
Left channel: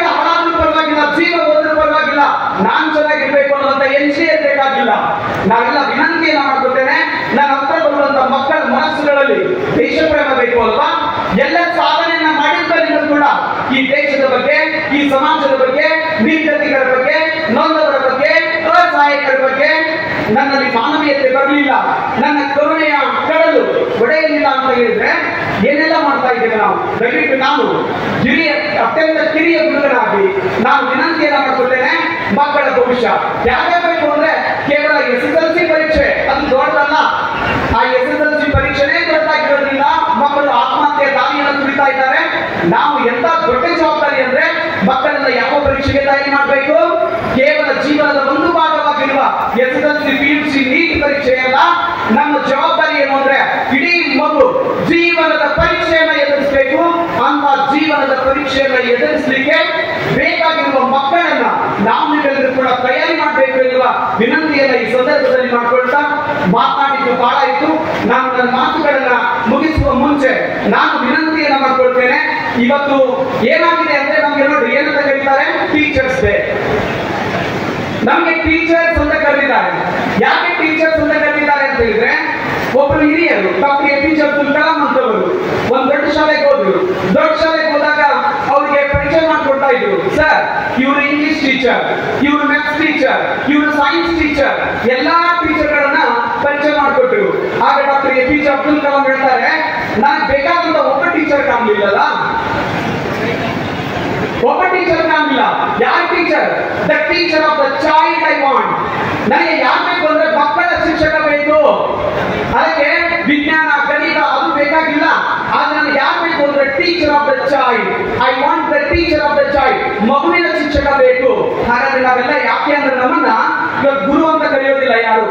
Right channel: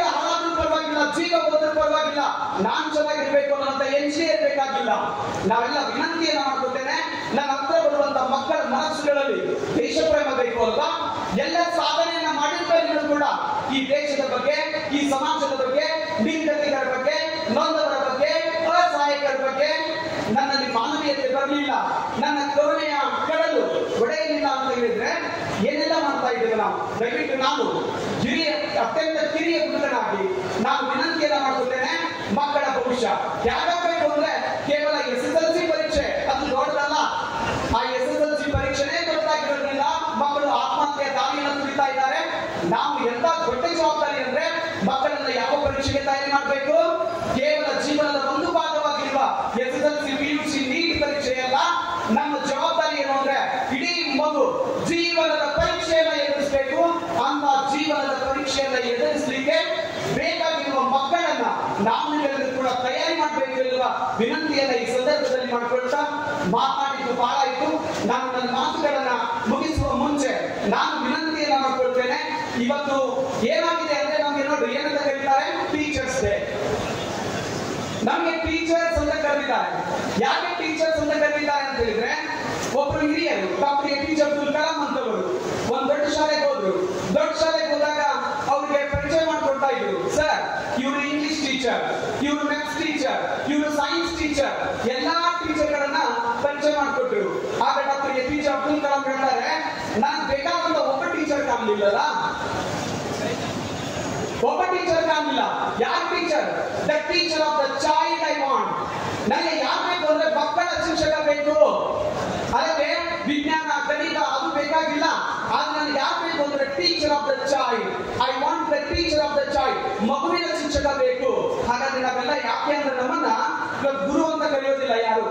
ಮಾನವೀಯತೆ ಬರಲಿಲ್ಲ, ನನ್ನ ಕರುಣೆಯ ಕಡಲು ಒಡೆಯಲಿಲ್ಲ ಅಂತ ಹೇಳಿದ್ರೆ ಏನೆಲ್ಲ ಮಾಡ್ತಾ ಇದ್ದೇವೆ ನಾವು? ದಯವಿಟ್ಟು ನಾನು ಅತ್ಯಂತ ಕಿರಿಯ ಗುರುಗಳಾಗಿ ನಾನು ವಿನಂತಿಯನ್ನ ಮಾಡ್ಕೊಳ್ತೇನೆ, ಮಕ್ಕಳ ಭವಿಷ್ಯ ಯಾಕಬೇಕು ಅಂದ್ರೆ ಕೇವಲ SSLC ಪರೀಕ್ಷೆ ಅದು ದೊಡ್ಡದಲ್ಲ. ಆ SSLC ಪರೀಕ್ಷೆನೇ ದೊಡ್ಡದಾಗಿರೋದ್ರಿಂದ ಮಕ್ಕಳು ಆತ್ಮಹತ್ಯೆ ದಾರಿಯನ್ನು ತುಳಿತಾ ಇದ್ದಾರೆ. ನಾವು ಎಂತ ದೊಡ್ಡ ಜವಾಬ್ದಾರಿ ಅಂದ್ರೆ ಮಕ್ಕಳನ್ನ ಯಾವ ಪರೀಕ್ಷೆಗೆ ತಯಾರಿ ಮಾಡಬೇಕು? ಕೇವಲ ಜೀವನದ ಒಂದು ಭಾಗವಾಗಿರುವ SSLC, PUC, ನೀಟ್ ಪರೀಕ್ಷೆಯಲ್ಲ. ನಮ್ಮ ಜವಾಬ್ದಾರಿ ಏನು ಅಂದ್ರೆ ಇಡೀ ಮಗು ಜೀವನದ ಪರೀಕ್ಷೆಯನ್ನ ಎದುರಿಸಬೇಕು. ಅಂತ ಜೀವನದ ಪರೀಕ್ಷೆಯನ್ನ ಎದುರಿಸಲಿಕ್ಕೆ ಬೇಕಾಗಿರುವ ಮಕ್ಕಳನ್ನ ನಾವೆಲ್ಲರೂ ಕೂಡ ತಯಾರಿ ಮಾಡಬೇಕು ಎನ್ನುವ ವಿನಂತಿಯನ್ನ ಈ ಸಂದರ್ಭದಲ್ಲಿ ಮಾಡಿಕೊಳ್ತಾ, ಮಾತನಾಡಿದ್ದು ಬಹಳ ಇತ್ತು. ನಾನು ನನ್ನ ಮಾತುಗಳನ್ನ ಮುಗಿಸುವ ಮುಂಚೆ ನಾನು ವಿನಂತಿಯನ್ನ ಮಾಡ್ಕೊಳ್ತೇನೆ. ಇವತ್ತು ಏನಾಗಿದೆ ಅಂದ್ರೆ ನಮ್ಗೆ ನೋಡಿ ಏನಂತ ಕರೀತಾರೆ? Teachers day. ನಮ್ಗೆ ಟೀಚರ್ಸ್ ಅಂತ ಕರೆದಿದ್ದಾರೆ. ಯಾಕೆ ಟೀಚರ್ಸ್ ಅಂತ ಕರೆದಿದ್ದಾರೆ ಅಂತ ಹೇಳಿದ್ರೆ, ಒಬ್ಬರು ಹಿರಿಯರು ಡಾಕ್ಟರ್ APJ ಅಬ್ದುಲ್ ಕಲಾಂ ಅಂತವರು ಒಂದು ದೊಡ್ಡ ಶಾಲೆಗೆ ಹೋದ್ರು. ದೊಡ್ಡ ಶಾಲೆಗೆ ಹೋದಾಗ ಅವ್ರಿಗೆ ಪರಿಚಯ ಮಾಡ್ಕೊಡ್ತಾ ಇದ್ರು. ಸರ್, ಇವರು ಇಂಗ್ಲಿಷ್ ಟೀಚರ್, ಇವರು ಮ್ಯಾಥ್ಸ್ ಟೀಚರ್, ಇವರು ಸೈನ್ಸ್ ಟೀಚರ್, ಎಲ್ಲಾ ಟೀಚರ್ಗಳನ್ನ ಪರಿಚಯ ಮಾಡಿಕೊಟ್ರು. ಆಗ ಡಾಕ್ಟರ್ APJ ಅಬ್ದುಲ್ ಕಲಾಂ ಹೇಳ್ತಾರೆ, ನನಗೆ ಬೇಕಾದಂತ ಒಬ್ಬ ಟೀಚರ್ ಕಾಣಲಿಲ್ಲಲ್ಲ. ಒಬ್ಬ ಟೀಚರ್ ಕಾಣಲಿಲ್ಲ. ಯಾರು teacher? The teacher of the child I want. ನನಗೆ ಯಾರು ಬೇಕು ಅಂದ್ರೆ ಮಕ್ಕಳ ಶಿಕ್ಷಕ ಬೇಕು. ಅದಕ್ಕೆ ವಿಜ್ಞಾನ, ಗಣಿತ ಅದು ಬೇಕಾಗಿಲ್ಲ. ಆದ್ರೆ ನನಗೆ ಯಾರು ಬೇಕು ಅಂದ್ರೆ teacher of the child. I want the teacher of the child. ಮಗುವಿನ ಶಿಕ್ಷಕ ಬೇಕು. ಹಾಗಾದ್ರೆ ನಾವೆಲ್ಲ ಯಾಕೆ ಅಂದ್ರೆ ನಮ್ಮನ್ನ ಇವತ್ತು ಗುರು ಅಂತ ಕರೆಯೋದಿಲ್ಲ ಯಾರು.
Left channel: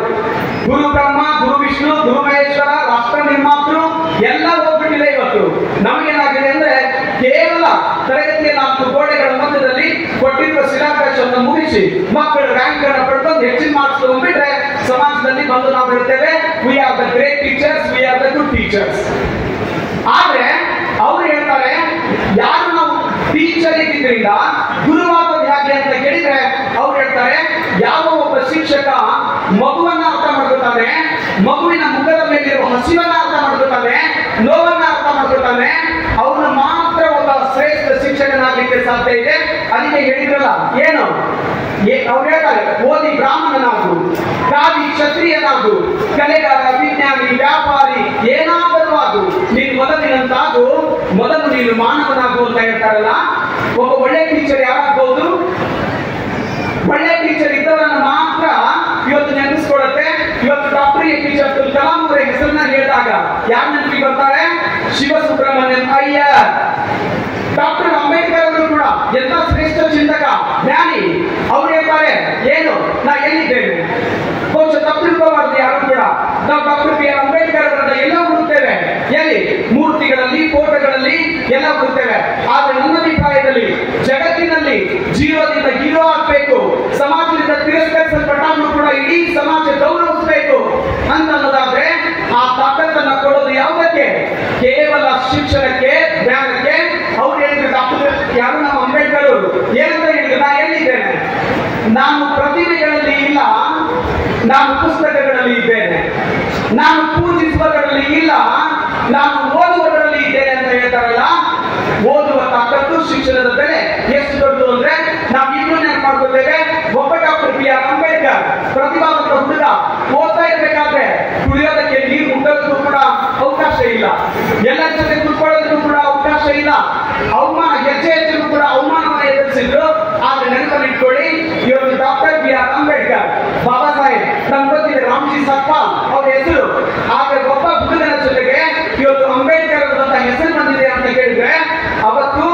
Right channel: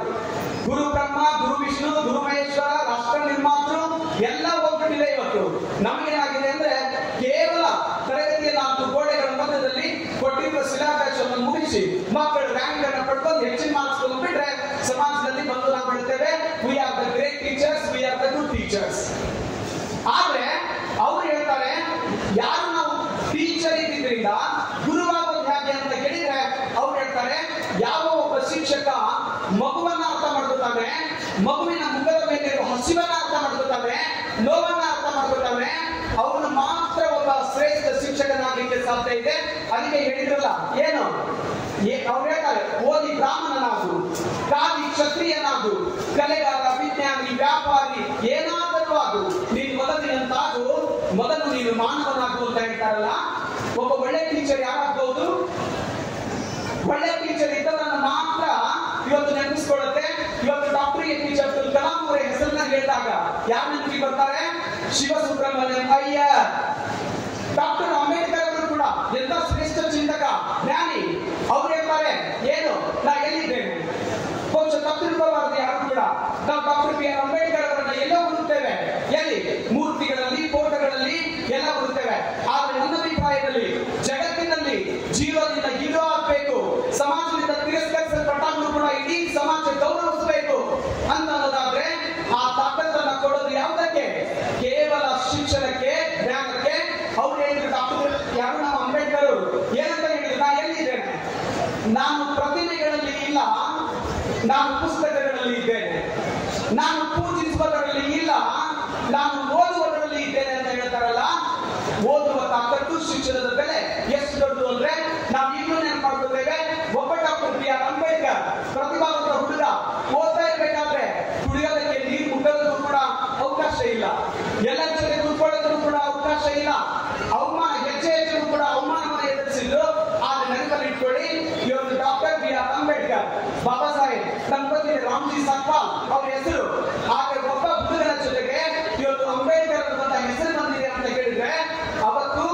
ಗುರು ಬ್ರಹ್ಮ, ಗುರು ವಿಷ್ಣು, ಗುರು ಮಹೇಶ್ವರ, ರಾಷ್ಟ್ರ ನಿರ್ಮಾತೃ ಎಲ್ಲ ಹೋಗ್ಬಿಟ್ಟಿಲ್ಲ. ಇವತ್ತು ನಮಗೇನಾಗಿದೆ ಅಂದ್ರೆ ಕೇವಲ ತರಗತಿಯ 4 ಗೋಡೆಗಳ ಮಧ್ಯದಲ್ಲಿ ಕೊಟ್ಟಿರುವ ಸಿಲೆಬಸ್ ಅನ್ನು ಮುಗಿಸಿ ಮಕ್ಕಳು ರ್ಯಾಂಕ್ ಅನ್ನು ಪಡೆದು ಹೆಚ್ಚಿನ ಮಾರ್ಕ್ಸ್ ತಗೊಂಡ್ಬಿಟ್ರೆ ಸಮಾಜದಲ್ಲಿ ಬಂದು ನಾವು ಹೇಳ್ತೇವೆ, we are the great teachers, we are the good teachers. ಆದ್ರೆ ಅವ್ರು ಹೇಳ್ತಾರೆ, ಯಾರು ನಾವು ಟೀಚರ್ ಇದ್ರಿಂದ ಗುರುವಾದದ್ದು ಹೇಗೆ ಅಂತ ಕೇಳಿದ್ರೆ ಅವ್ರು ಹೇಳ್ತಾರೆ, ಯಾವ ಒಬ್ಬ ಶಿಕ್ಷಕ ಮಗುವನ್ನ ಅರ್ಥ ಮಾಡ್ಕೊತಾನೆ, ಮಗುವಿನ ಮುಖದ ಮೇಲಿರುವ ಹಸಿವನ್ನ ಅರ್ಥ ಮಾಡ್ಕೊತಾನೆ, ನೋವನ್ನ ಅರ್ಥ ಮಾಡ್ಕೊತಾನೆ, ಅವನು ಮಾತ್ರ ಒಬ್ಬ ಶ್ರೇಷ್ಠ ಶಿಕ್ಷಕನಾಗಲಿಕ್ಕೆ ಸಾಧ್ಯ ಇದೆ. ಅದಕ್ಕೆ ಹೇಳಿದ್ರಲ್ಲ ಏನು ಅವ್ರು ಹೇಳ್ತಾರೆ, ಓದಿ ಬ್ರಾಹ್ಮಣನಾಗು, ಕಾದಿ ಕ್ಷತ್ರಿಯನಾಗು, ಕಲೆಗಾರ, ವಿಜ್ಞಾನಿ, ವ್ಯಾಪಾರಿ, ಏನಾದರೂ ಆಗು, ನೀನು ಮೊದಲಿನಂತಾಗು, ಮೊದಲು ನೀನು ಮಾನವನಾಗು ಅಂತ ಹೇಳ್ತಾರಲ್ಲ. ಒಬ್ಬ ಒಳ್ಳೆ ಟೀಚರ್ ಯಾರಾಗಬಹುದು? ಒಳ್ಳೆ ಟೀಚರ್ ಇದ್ದವರನ್ನು ಮಾತ್ರ ಇವತ್ತು ನೆನಪಿಸ್ಕೊಳ್ಳುತ್ತೆ. ಇವತ್ತು ಡಾಕ್ಟರ್ APJ ಅಬ್ದುಲ್ ಕಲಾಂ ಅವರ ಹೆಸರನ್ನ ಹೇಳಿದಾಗ ಯಾರು ನೆನಪಿಗೆ ಬರ್ತಾರೆ? ಶಿವಸುಬ್ರಹ್ಮಣ್ಯಂ ಅಯ್ಯರ್. ಡಾಕ್ಟರ್ ಅಂಬೇಡ್ಕರ್ ಅವರು ಕೂಡ ಎಂತ ಶ್ರೇಷ್ಠ ಚಿಂತಕ, ಜ್ಞಾನಿ. ಅವ್ರು ಹೇಳ್ತಾರೆ ಏನು, ನಾ ಎಲ್ಲಿದ್ದೇನೆ? ಬಹುಶಃ ತಪ್ಪಿರುವವರದ್ದು ಯಾರು ಕೂಡ ನಾವು ಡಾಕ್ಟರ್ BR ಅಂಬೇಡ್ಕರ್ ಅವರನ್ನ ಎಲ್ಲ ಹುಡುಕ್ತೇವೆ. ಎಲ್ಲಿ? ಮೂರ್ತಿಗಳಲ್ಲಿ, ಫೋಟೋಗಳಲ್ಲಿ ಎಲ್ಲ ಹುಡುಕ್ತೇವೆ. ಆದ್ರೆ ನನ್ನ ಅಭಿಪ್ರಾಯದಲ್ಲಿ ಜಗತ್ತಿನಲ್ಲಿ ಜೀವದಿಂದ ಹೀರೋ ಆಗ್ಬೇಕು, ಸಮಾಜದಿಂದ ತಿರಸ್ಕರಿಸಲ್ಪಟ್ಟವನು ಕೂಡ ಇಡೀ ಸಮಾಜ ಗೌರವಿಸಬೇಕು ಅಂತ ಅನ್ನೋದಾದ್ರೆ ಆ ತಾಕತ್ತನ್ನ ಕೊಡೋದು ಯಾವುದಕ್ಕೆ? ಕೇವಲ ಶಿಕ್ಷಣಕ್ಕೆ, ಜ್ಞಾನಕ್ಕೆ. ಅವ್ರು ಹೇಳಿದ್ರು, ಡಾಕ್ಟರ್ ಯಾರು ನಮ್ಮ ಅಂಬೇಡ್ಕರ್ ಅವರು ಏನಂತ ಹೇಳಿದ್ರು, ನಾ ಎಲ್ಲಿದ್ದೇನೆ? ನಾನು ಪ್ರತಿಭೆಗಳಲ್ಲಿ ಇಲ್ಲ, ನಾನು ಪುಸ್ತಕಗಳಲ್ಲಿ ಇದ್ದೇನೆ. ನಾನು ಪೂಜಿಸುವುದರಲ್ಲಿ ಇಲ್ಲ, ನಾನು ಓದುವುದರಲ್ಲಿ ಇದ್ದೇನೆ ಅಂತ ಹೇಳ್ತಾರಲ್ಲ. ಓದುವ ತಾಕತ್ತು, ಶಿಕ್ಷಣದ ಬೆಲೆ ಎಷ್ಟು ದೊಡ್ಡದು ಅಂದ್ರೆ ನಾವು ಇನ್ನೂ ನೆನಪು ಮಾಡ್ಕೊಳ್ತೇವೆ. ಒಬ್ಬ ಡಾಕ್ಟರ್ BR ಅಂಬೇಡ್ಕರ್ ಪ್ರತಿಭಾವಂತ ಹುಡುಗ ಓದ್ತಾ ಇರ್ಬೇಕಾದ್ರೆ ಕುಡಿಯೋದಕ್ಕೆ ನೀರು ಮುಟ್ಟೋದಕ್ಕೂ ಕೂಡ ಅವಕಾಶ ಇಲ್ಲ, ಎಲ್ಲರ ಜೊತೆ ಕುತ್ಕೊಳ್ಳೋದಕ್ಕೂ ಕೂಡ ಅವಕಾಶ ಇಲ್ಲ. ಅವಮಾನ, ಹೆಜ್ಜೆ ಹೆಜ್ಜೆಗೂ ಕೂಡ ಅವಮಾನವನ್ನು ಎದುರಿಸಿದ್ರು. ಆದ್ರೆ ನೆನಪಲ್ಲಿ ಇಟ್ಕೊಳ್ಳಿ, ಇವತ್ತು ಡಾಕ್ಟರ್ BR ಅಂಬೇಡ್ಕರ್, ಬಾಬಾ ಸಾಹೇಬ್, ನಮ್ಗೆ ಗೊತ್ತಿದೆ ರಾಮ್ಜಿ ಸತ್ಪಾಲ್ ಅವ್ರ ಹೆಸರು. ಆದ್ರೆ ಒಬ್ಬ ಹುಡುಗನ ಜೊತೆಗೆ ಇವತ್ತು ಅಂಬೇಡ್ಕರ್ ಅಂತ ಹೆಸರು ಬಂದಿದೆ ಅಂತ ಕೇಳಿದ್ರೆ ಅವತ್ತು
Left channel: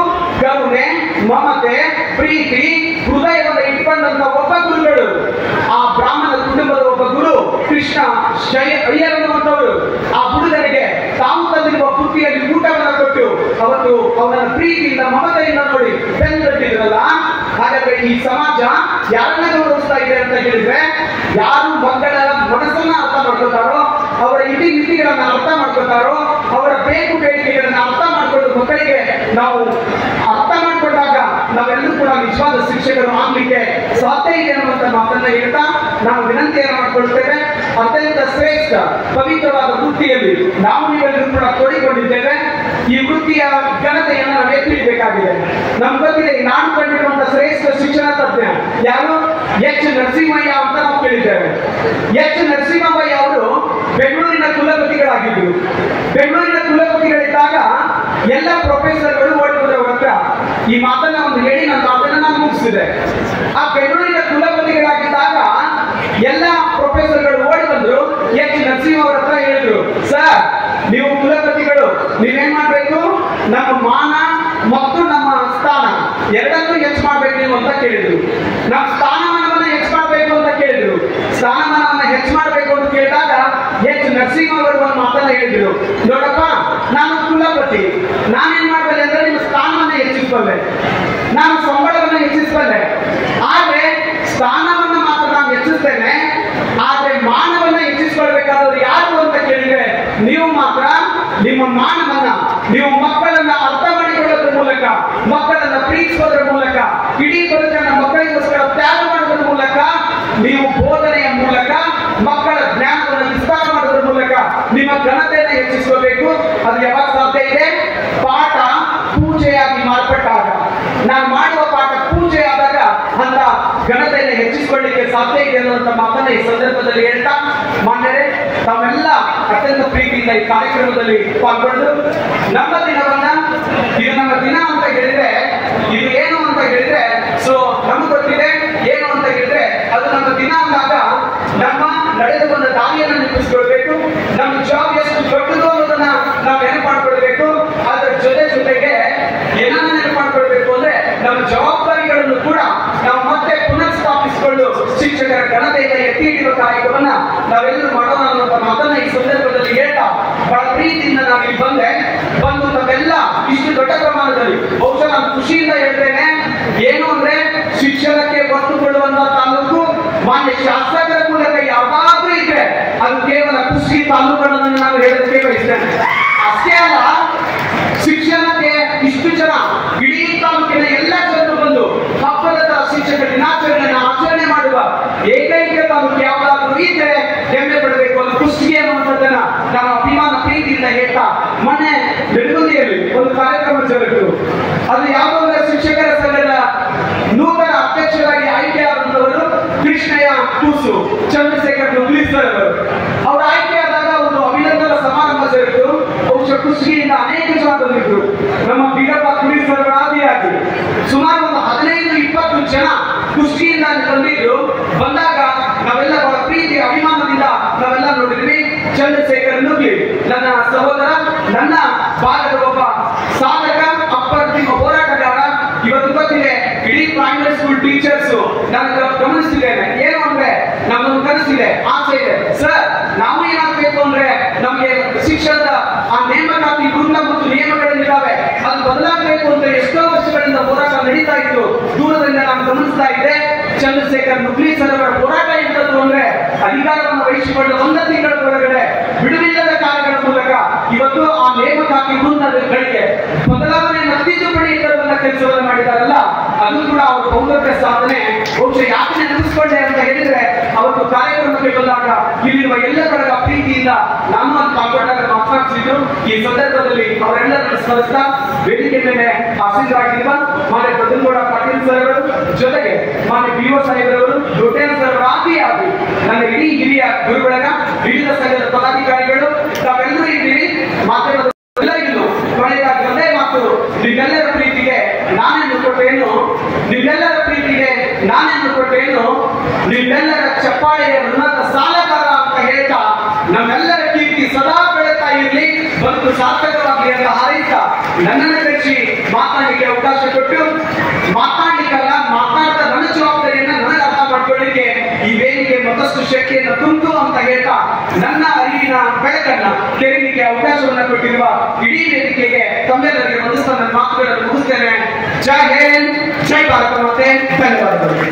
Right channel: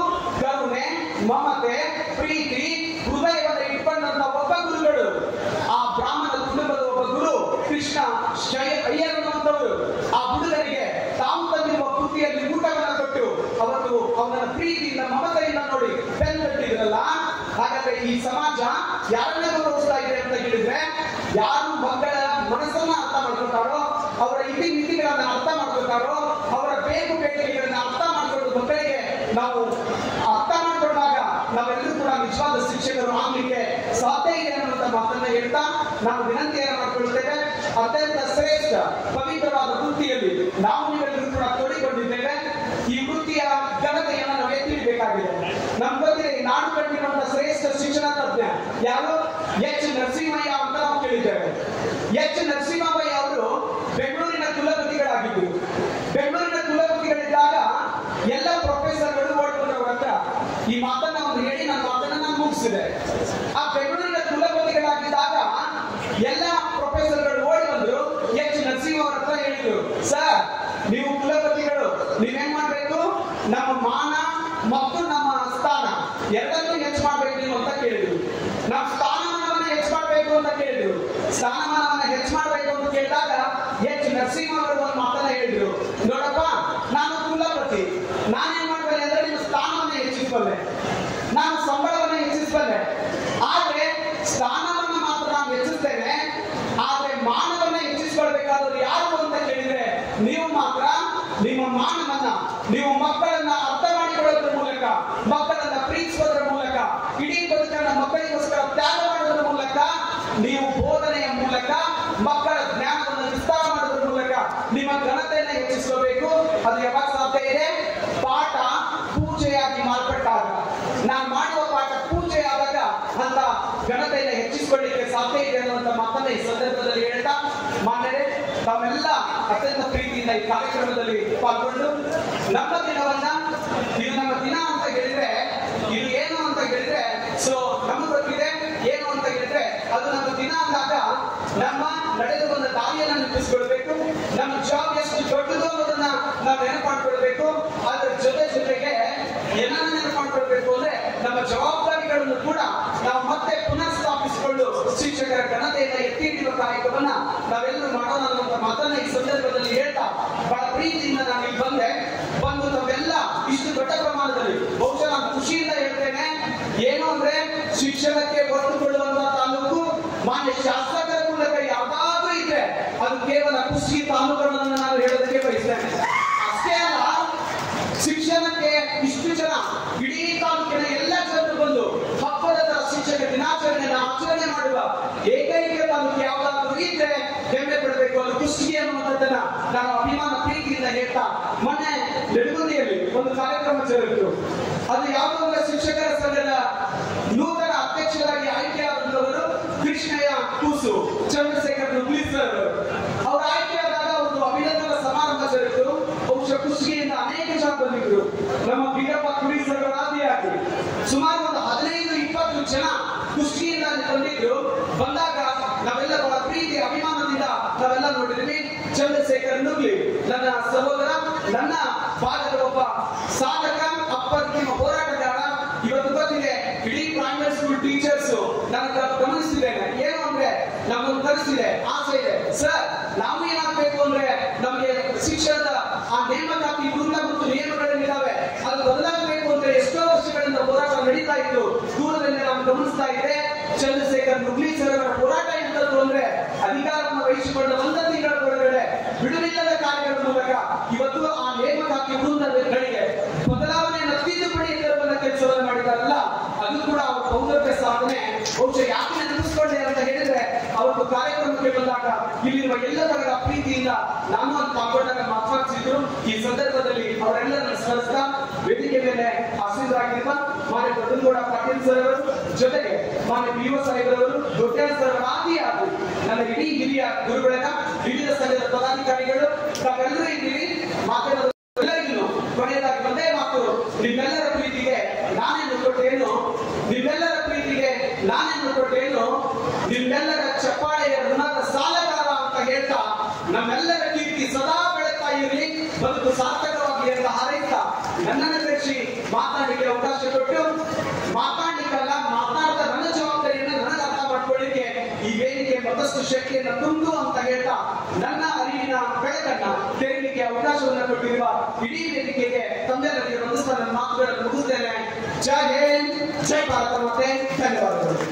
ಕರುಣೆ, ಮಮತೆ, ಪ್ರೀತಿ, ಹೃದಯವನ್ನು ಇಟ್ಕೊಂಡಂತ ಒಬ್ಬ ಗುರುಗಳು, ಆ ಬ್ರಾಹ್ಮಣ ಕುಟುಂಬದ ಒಬ್ಬ ಗುರು ಕೃಷ್ಣ ಅಯ್ಯರ್ ಅನ್ನುವಂಥವರು ಆ ಹುಡುಗನಿಗೆ ತಾವು ತಂದಿರುವ ಬುತ್ತಿಯಲ್ಲಿ ಊಟವನ್ನು ಕೊಟ್ಟು ಅವತ್ತು ಅವನ ಪ್ರೀತಿಯಿಂದ, ಮಮತೆಯಿಂದ ನೋಡಿ ಬೆಂದಿದ್ರಲ್ಲ. ಹಾಗಾದ್ರೆ ಈ ಸಮಾಜ ಯಾರನ್ನ ಗೌರವಿಸ್ತಾ ಇದೆ ಅಂತ ಹೇಳಿದ್ರೆ, ಯಾರು ಮಕ್ಕಳ ಮನಸ್ಸನ್ನ ಅರ್ಥ ಮಾಡ್ಕೊತಾರೋ, ಅವರ ಇತಿ ಮಿತಿಗಳನ್ನ ಅರ್ಥ ಮಾಡ್ಕೊತಾರೋ, ಅವರ ಬೇಕು ಬೇಡಿಕೆಗಳನ್ನ ಅರ್ಥ ಮಾಡ್ಕೊಂಡು ಮಕ್ಕಳಿಗೆ ನಾವು ಅರ್ಥ ಮಾಡ್ಕೊಂಡಾಗ ನಾವೆಲ್ಲರೂ ಕೂಡ ನಿಜವಾದ ಶಿಕ್ಷಕರು ಆಗ್ಲಿಕ್ಕೆ ಸಾಧ್ಯ ಇದೆ ಅನ್ನುವಂತ ಮಾತನ್ನ ಹೇಳ್ತಾ ನಾವು ವಿನಂತಿಯನ್ನು ಮಾಡ್ಕೊಳ್ತೇವೆ. ಅತ್ಯಂತ ಶ್ರೇಷ್ಠ ಪವಿತ್ರವಾದ ವೃತ್ತಿಯಲ್ಲಿ ನಾವು ನೀವೆಲ್ಲರೂ ಕೂಡ ತೊಡಿಕೊಂಡಿದ್ದೇವೆ. ಈ ವೃತ್ತಿಯ ಘನತೆಯನ್ನು ನಾವು ಎತ್ತಿಡಬೇಕಾಗಿದೆ. ನಮ್ಗೆ ಗೊತ್ತಿದೆ, ನಾನು ಕಂಡಿರುವಂತಹ ಶ್ರೇಷ್ಠ ಶಿಕ್ಷಣ ತಜ್ಞ ಯಾರು? H. ನರಸಿಂಹಯ್ಯ ಅಂತ ನಾವು ಕೇಳಿದ್ದೇವೆ. H. ನರಸಿಂಹಯ್ಯ ಈ ಮಾತನ್ನ ಒಂದು ಹೇಳಿ ನನ್ನ ಮಾತನ್ನ ನಾನು ಮುಗಿಸಿದೆ. ಆ ಬೆಂಗಳೂರಿನ ಕುಲಪತಿಗಳಾಗಿದ್ದಾಗ ಎಲ್ಲ ಪ್ರೊಫೆಸರ್ಗಳು ಓಡಿ ಬಂದ್ರು. ಎಚ್ ನರಸಿಂಹ ಅವರ ಹತ್ರ ಹೇಳಿದ್ರು, ಸರ್ ನೀವು ಕುಲಪತಿಗಳು ನೀವೇನ್ ಮಾಡ್ಬೇಕು, ನಮ್ಮ ಮಾನ ಮತ್ತು ನಮ್ಮ ಸ್ಥಾನ ಎರಡನ್ನೂ ಹೆಚ್ಚು ಮಾಡ್ಬೇಕು ನೀವು ಅಂತ ಕೇಳಿದ್ರು. ನಮ್ಮ ಸ್ಥಾನಮಾನವನ್ನ ಹೆಚ್ಚು ಮಾಡ್ಬೇಕು ಅಂತ ಕೇಳಿದ್ರು. ಸ್ಥಾನಮಾನವನ್ನ ಹೆಚ್ಚು ಮಾಡ್ಬೇಕು ಅಂತ ಕೇಳಿದಾಗ ಎಚ್ ನರಸಿಂಹ ಅವರು ಒಂದು ಮಾತನ್ನ ಹೇಳಿದ್ರು, ನೋಡಪ್ಪ ನಾನು ಕುಲಪತಿ, ನಾನೇನ್ ಮಾಡ್ಬಲ್ಲೆ ಅಂದ್ರೆ ನಿಮ್ಮ ಸ್ಥಾನವನ್ನ ಹೆಚ್ಚಿಸಬಲ್ಲೆ, ನಾನು ಸಂಬಳವನ್ನ ಹೆಚ್ಚಿಸಬಲ್ಲೆ. ಆದ್ರೆ ಸ್ಥಾನವನ್ನ ಮಾತ್ರ ನಾನು ಹೆಚ್ಚಿಸ್ತೇನೆ, ಆದ್ರೆ ಮಾನವನ್ನ ಹೆಚ್ಚಿಸ್ಕೊಳ್ಬೇಕಾದವ್ರು ಯಾರು ಅಂತ ಕೇಳಿದ್ರೆ ನೀವು ಮಾತ್ರ. ನಿಮ್ಮ ಮಾನವನ್ನ ನೀವು ಮಕ್ಕಳನ್ನ ಅರ್ಥ ಮಾಡಿಕೊಳ್ಳೋದ್ರ ಮೂಲಕ, ಮಕ್ಕಳನ್ನ ಪ್ರೀತಿಸೋದ್ರ ಮೂಲಕ, ಇಡೀ ಬದುಕನ್ನ ಮಕ್ಕಳಿಗೋಸ್ಕರ ತ್ಯಾಗ ಮಾಡೋದ್ರ ಮೂಲಕ, ನೀವು ಬೋಧನೆಯ ಮೂಲಕ ಮಕ್ಕಳ ಜ್ಞಾನವನ್ನು ವಿಸ್ತಾರ ಮಾಡೋದ್ರ ಮೂಲಕ ನಿಮ್ಮ ಘನತೆಯನ್ನು ಹೆಚ್ಚಿಸಬೇಕು. ಅದು ಯಾವಾಗ ಸಾಧ್ಯ ಇದೆ? ಪಾಠ ಪೂಜೆಯಾಗಿ ಮಾರ್ಪಟ್ಟಾಗ, ನಾನು ಮಾಡುವ ಪಾಠ ಪೂಜೆ ಆದಾಗ ಅಂತ ಘನತೆಯನ್ನು ಹೆಚ್ಚಿಸಿಕೊಳ್ಳಿಕ್ಕೆ ಸಾಧ್ಯ ಇದೆ ಅನ್ನುವಂಥ ಮಾತನ್ನ ಈ ಸಂದರ್ಭದಲ್ಲಿ ಹೇಳ್ತಾ, ಮಾನ್ಯರೇ ತಾವೆಲ್ಲ ಅತ್ಯಂತ ಪ್ರೀತಿಯಿಂದ ಈ ಕಾರ್ಯಕ್ರಮದಲ್ಲಿ ಪಾಲ್ಗೊಂಡು ನಮ್ಮ ದಿನವನ್ನ, ಇದು ನಮ್ಮ ದಿನ ಅಂತ ಹೇಳಿದ್ರೆ ಇದು ಏನು ಅಂತ ಹೇಳಿದ್ರೆ, ಸೊ ನಮ್ಗೆ ಗೊತ್ತಿದೆ ಏನು ಅಂತ ಹೇಳಿದ್ರೆ ಅದು ನಮ್ಮ ದಿನ ಅಂದಾಗ ನಮ್ಮ ನಡೆದು ಬಂದ ದಾರಿಯನ್ನು ನೆನಪಿಸ್ಕೊಳ್ಬೇಕು. ನಮ್ಮ ಜಾಬ್ ಎಷ್ಟು ದೊಡ್ಡದು ಅನ್ನೋದನ್ನ ನಾವು ನೆನಪು ಮಾಡ್ಕೊಳ್ಬೇಕು. ಅದರ ಜೊತೆಗೆ ಏನನ್ನ ನೆನಪು ಮಾಡ್ಕೊಳ್ಬೇಕು ಅಂದ್ರೆ ನಮ್ಮ ಜವಾಬ್ದಾರಿಗಳನ್ನು ಕೂಡ ನಾವು ಮತ್ತೆ ಪುನಃ ಸ್ಥಾಪಿಸಿಕೊಂಡು ಶಿಕ್ಷಕರ ಘನತೆಯಿಂದ ಎತ್ತಿ ಹಿಡಿಯುವ ಕಾರ್ಯಕ್ರಮವನ್ನ ನಾವೆಲ್ಲರೂ ಮಾಡೋಣ ಅನ್ನುವಂಥ ಮಾತನ್ನ ಈ ಸಂದರ್ಭದಲ್ಲಿ ಹೇಳ್ತಾ, ಬಹಳ ಪ್ರೀತಿಯಿಂದ ನಾನು ಇಲ್ಲಿ ಬಂದು ತಮ್ಮೆಲ್ಲ ಇಷ್ಟು ದೊಡ್ಡ ಪ್ರಮಾಣದಲ್ಲಿ, ಬಹುಶಃ ನಾನು ಖುಷಿಯಿಂದ ಹೇಳ್ತೇನೆ, ಏನು ಅಂದ್ರೆ ಶಿಕ್ಷಣಕ್ಕೆ ಒತ್ತು ಕೊಡುವಂತ ತಾಲೂಕು ಮಾನ್ಯ ಶಾಸಕರ ಮೂಲಕ ಯಾವಾದ್ರೂ ಇದ್ರೆ ಅದು ಕೇವಲ ಕುಷ್ಟಗಿ ತಾಲೂಕನ್ನು ನಾನು ಹೇಳೋದಕ್ಕೆ ಬಯಸ್ತೇನೆ. ಅಷ್ಟೇ ಅಲ್ಲ, ಶಿಕ್ಷಣಕ್ಕೆ ಇಷ್ಟು ಜನ ಇಡೀ ತಾಲೂಕಿನ ಎಲ್ಲ ಜನರು ಬಂದು ಹಬ್ಬದ ಶಿಕ್ಷಕ ದಿನಾಚರಣೆಯನ್ನು ಆಚರಣೆ ಮಾಡುವ ಏಕೈಕ ತಾಲೂಕು ಯಾವ್ದಾದ್ರು ಇದ್ರೆ ಹೆಮ್ಮೆ ಪಡಬೇಕು. ಅದು ಕುಷ್ಟಗಿ ಅನ್ನುವಂಥದ್ದನ್ನ ನಾನು ಅಭಿಮಾನ ಪ್ರೀತಿಯಿಂದ ಹೇಳ್ತಾ, ಮೊನ್ನೆ ಬೆಳಗುಂದಿಯಲ್ಲಿ ಒಂದು ಕಾರ್ಯಕ್ರಮ ಜರುಗಿತು. ಅದು ಯಾವುದೋ ಅಂದ್ರೆ ಶಿಕ್ಷಕರ ಸಂಘದ ನೂತನ ಅಧ್ಯಕ್ಷರಾಗಿ ಆಯ್ಕೆಯಾದಂತವರು ಕೃಷ್ಣಯ್ಯ ಕೂಸು ಚಂದ್ರಶೇಖರ್ ನುಗ್ಲಿ ಸರ್ ಅವರು ಆಯ್ಕೆಯಾದಾಗ ಒಂದು ಅಭಿನಂದನಾ ಸಮಾರಂಭ ಜರುಗಿತು. ಬಹುಶಃ ಕುಷ್ಟಗಿಯಿಂದ ಅನೇಕ ಜನ ಬಂದಿದ್ರು. ನಮ್ಮ ಬೀರಪ್ಪ ಕುಡಿ ಸರ್ ಆದಿಯಾಗಿ ಸುಮಾರು ಒಂದು 15-20 ಜನ ಕುಷ್ಟಗಿಯಿಂದ ಬಂದಿದ್ರು. ಬಂದಾಗ ನಾವೆಲ್ಲ ಬಹಳ ಪ್ರೀತಿ ಅಭಿಮಾನದಿಂದ ನಾವೆಲ್ಲ ನೋಡಿದ್ವಿ. ಚಂದ್ರಶೇಖರ್ ನುಗ್ಲಿ ನನ್ನ ಸಹೋದರ, ನನ್ನ ಭಾಗದ ಒಬ್ಬ ಸಾಧಕ, ಅಪ್ರತಿಮ ಹೋರಾಟಗಾರ. ಇವತ್ತು ಗೊತ್ತಿದೆ, ಇಡೀ ಪ್ರೈಮರಿ ಸ್ಕೂಲ್ ಟೀಚರ್ಸ್ ನಾನು ಗಮನಿಸ್ತಿದ್ದೇನೆ. ಏನು ಅಂದ್ರೆ ನಮ್ಮೊಂದು ಕನಸಿದೆ, ಆಸೆ ಇದೆ, ಸರ್ ನಾವು ಏನಾಗಬೇಕು ಅಂದ್ರೆ ನಮಗೆ ಶಿಕ್ಷಣದ ಆ ನೇಮಕಾತಿ ವೃಂದ ಮತ್ತು ನಿಯಮಗಳೇನಿದ್ದಾವೆ ಅದು ಬದಲಾಗಬೇಕು ಅಂತ ಎಷ್ಟೋ ವರ್ಷಗಳಿಂದ ಹೋರಾಟ ನಡೀತಾ ಇತ್ತು. ದೂರದಿಂದ ನಾನು ಗಮನಿಸ್ತಾ ಇದ್ದೆ. ಚಂದ್ರಶೇಖರ್ ನುಗ್ಲಿ ಸರ್ ಅವರ ಹೋರಾಟ ಎಂತದ್ದು ಅಂದ್ರೆ ಅಧಿಕಾರವನ್ನು ವಹಿಸಿಕೊಂಡು 1 ತಿಂಗಳ ಒಳಗಡೆ ಬಿಡುವಿಲ್ಲದ ಕಾರ್ಯಗಳ ಮೂಲಕ ಇವತ್ತು ಆ ನೇಮಕಾತಿ ವೃಂದಗಳಿಗೆ ಬದಲಾವಣೆಯನ್ನು ತಿದ್ದುಪಡಿ ತರುವಂತ ಕೆಲಸವನ್ನು ಮಾಡಿದಾರಲ್ಲ, ಅದು ಕೂಡ ಅವರ ಬಹುದೊಡ್ಡ ಸಾಧನೆ. ಬಹುಶಃ ಯಾಕೆ ನೆನಪಿಸಿಕೊಂಡೆ ಅಂತ ಹೇಳಿದ್ರೆ, ಅವತ್ತು ಕಾರ್ಯಕ್ರಮಕ್ಕೆ ಬಂದಾಗ ಇಲ್ಲಿರುವ ಎಲ್ಲರ ಪ್ರೀತಿಯಿಂದ ನಾನು ಅಂತ ಪಾಲ್ಗೊಂಡಾಗ ಮಾತನಾಡಿಸಿದ್ರು. ಈ ಸಂದರ್ಭದಲ್ಲಿ ಅವರೆಲ್ಲರನ್ನು ಸ್ಮರಿಸ್ತಾ ವೇದಿಕೆ ಮೇಲೆ ಆಸೀನರಾಗಿರುವ ಮಾನ್ಯ ಬದನಗೌಡ ಪಾಟೀಲ್ ಸರ್ ಅವರು, ಜೊತೆಗೆ ಮಾನ್ಯ BO ಸಾಹೇಬರವರು, ದೊಡ್ಡೇನ್ ಸರ್ ಆದಿಯಾಗಿ ನನ್ನ ಇಡೀ ಹಿರಿಯ ಗುರುಗಳಾಗ ವಿವಿಧ ಸಂಘದ ಪದಾಧಿಕಾರಿಗಳು ತಾವೆಲ್ಲರೂ ಇದ್ದೀರಿ. ಮಾತಾಡೋದು ಕೊನೆಯದಾಗಿ ಒಂದೇ ಮಾತು, ನಿಮ್ಮೆಲ್ಲರ ಪ್ರೀತಿಗೆ ನಾನೇನು ಕೊಟ್ಟೇನು, ನಿಮ್ಮೆಲ್ಲರ ಪ್ರೀತಿಗೆ ನಾನೇನು ಕೊಟ್ಟೇನು, ನಿಮ್ಮೆಲ್ಲರ ಚಪ್ಪಾಳೆಯ ಋಣದ ಸಾಲಗಾರ ಅಂತ ಹೇಳ್ತಾ ನಮ್ಮೆಲ್ಲರ ಕೀರ್ತಿ ಸದಾ ಬೆಳಗ್ತಾ ಇರಲಿ, ಬದುಕು ಸಾರ್ಥಕವಾಗಲಿ ಅಂತ ಹಾರೈಸ್ತಾ ನನ್ನನ್ನು ಕರೆಸಿ ಮಾತನಾಡಲಿಕ್ಕೆ ಅವಕಾಶ ಕೊಟ್ಟು, ಮಾತನಾಡಲಿಕ್ಕಲ್ಲ ಮಾತನಾಡ್ತಾ ನನ್ನ ಜವಾಬ್ದಾರಿಯನ್ನ ನನಗೆ ಅರ್ಥ ಮಾಡ್ಕೊಳ್ಳಿಕ್ಕೆ ಈ ವೇದಿಕೆ ಮತ್ತಷ್ಟು ಶಕ್ತಿಯನ್ನು ತುಂಬಿತು ಅಂತ ಹೇಳ್ತಾ ನನ್ನ ಅರಿವಿನ ಬೆಳಕನ್ನ ತೆರೆಯಲಿಕ್ಕೆ ಅವಕಾಶವನ್ನ ಕೊಟ್ಟಿರುವ ಇಡೀ ವೇದಿಕೆಗೆ ತಮ್ಮೆಲ್ಲರಿಗೆ ವಂದಿಸ್ತಾ ನನ್ನ ಮಾತುಗಳನ್ನು ಮುಗಿಸ್ತೇನೆ. ಜೈ ಹಿಂದ್, ಜೈ ಭಾರತ ಮಾತೆ, ಧನ್ಯವಾದಗಳು.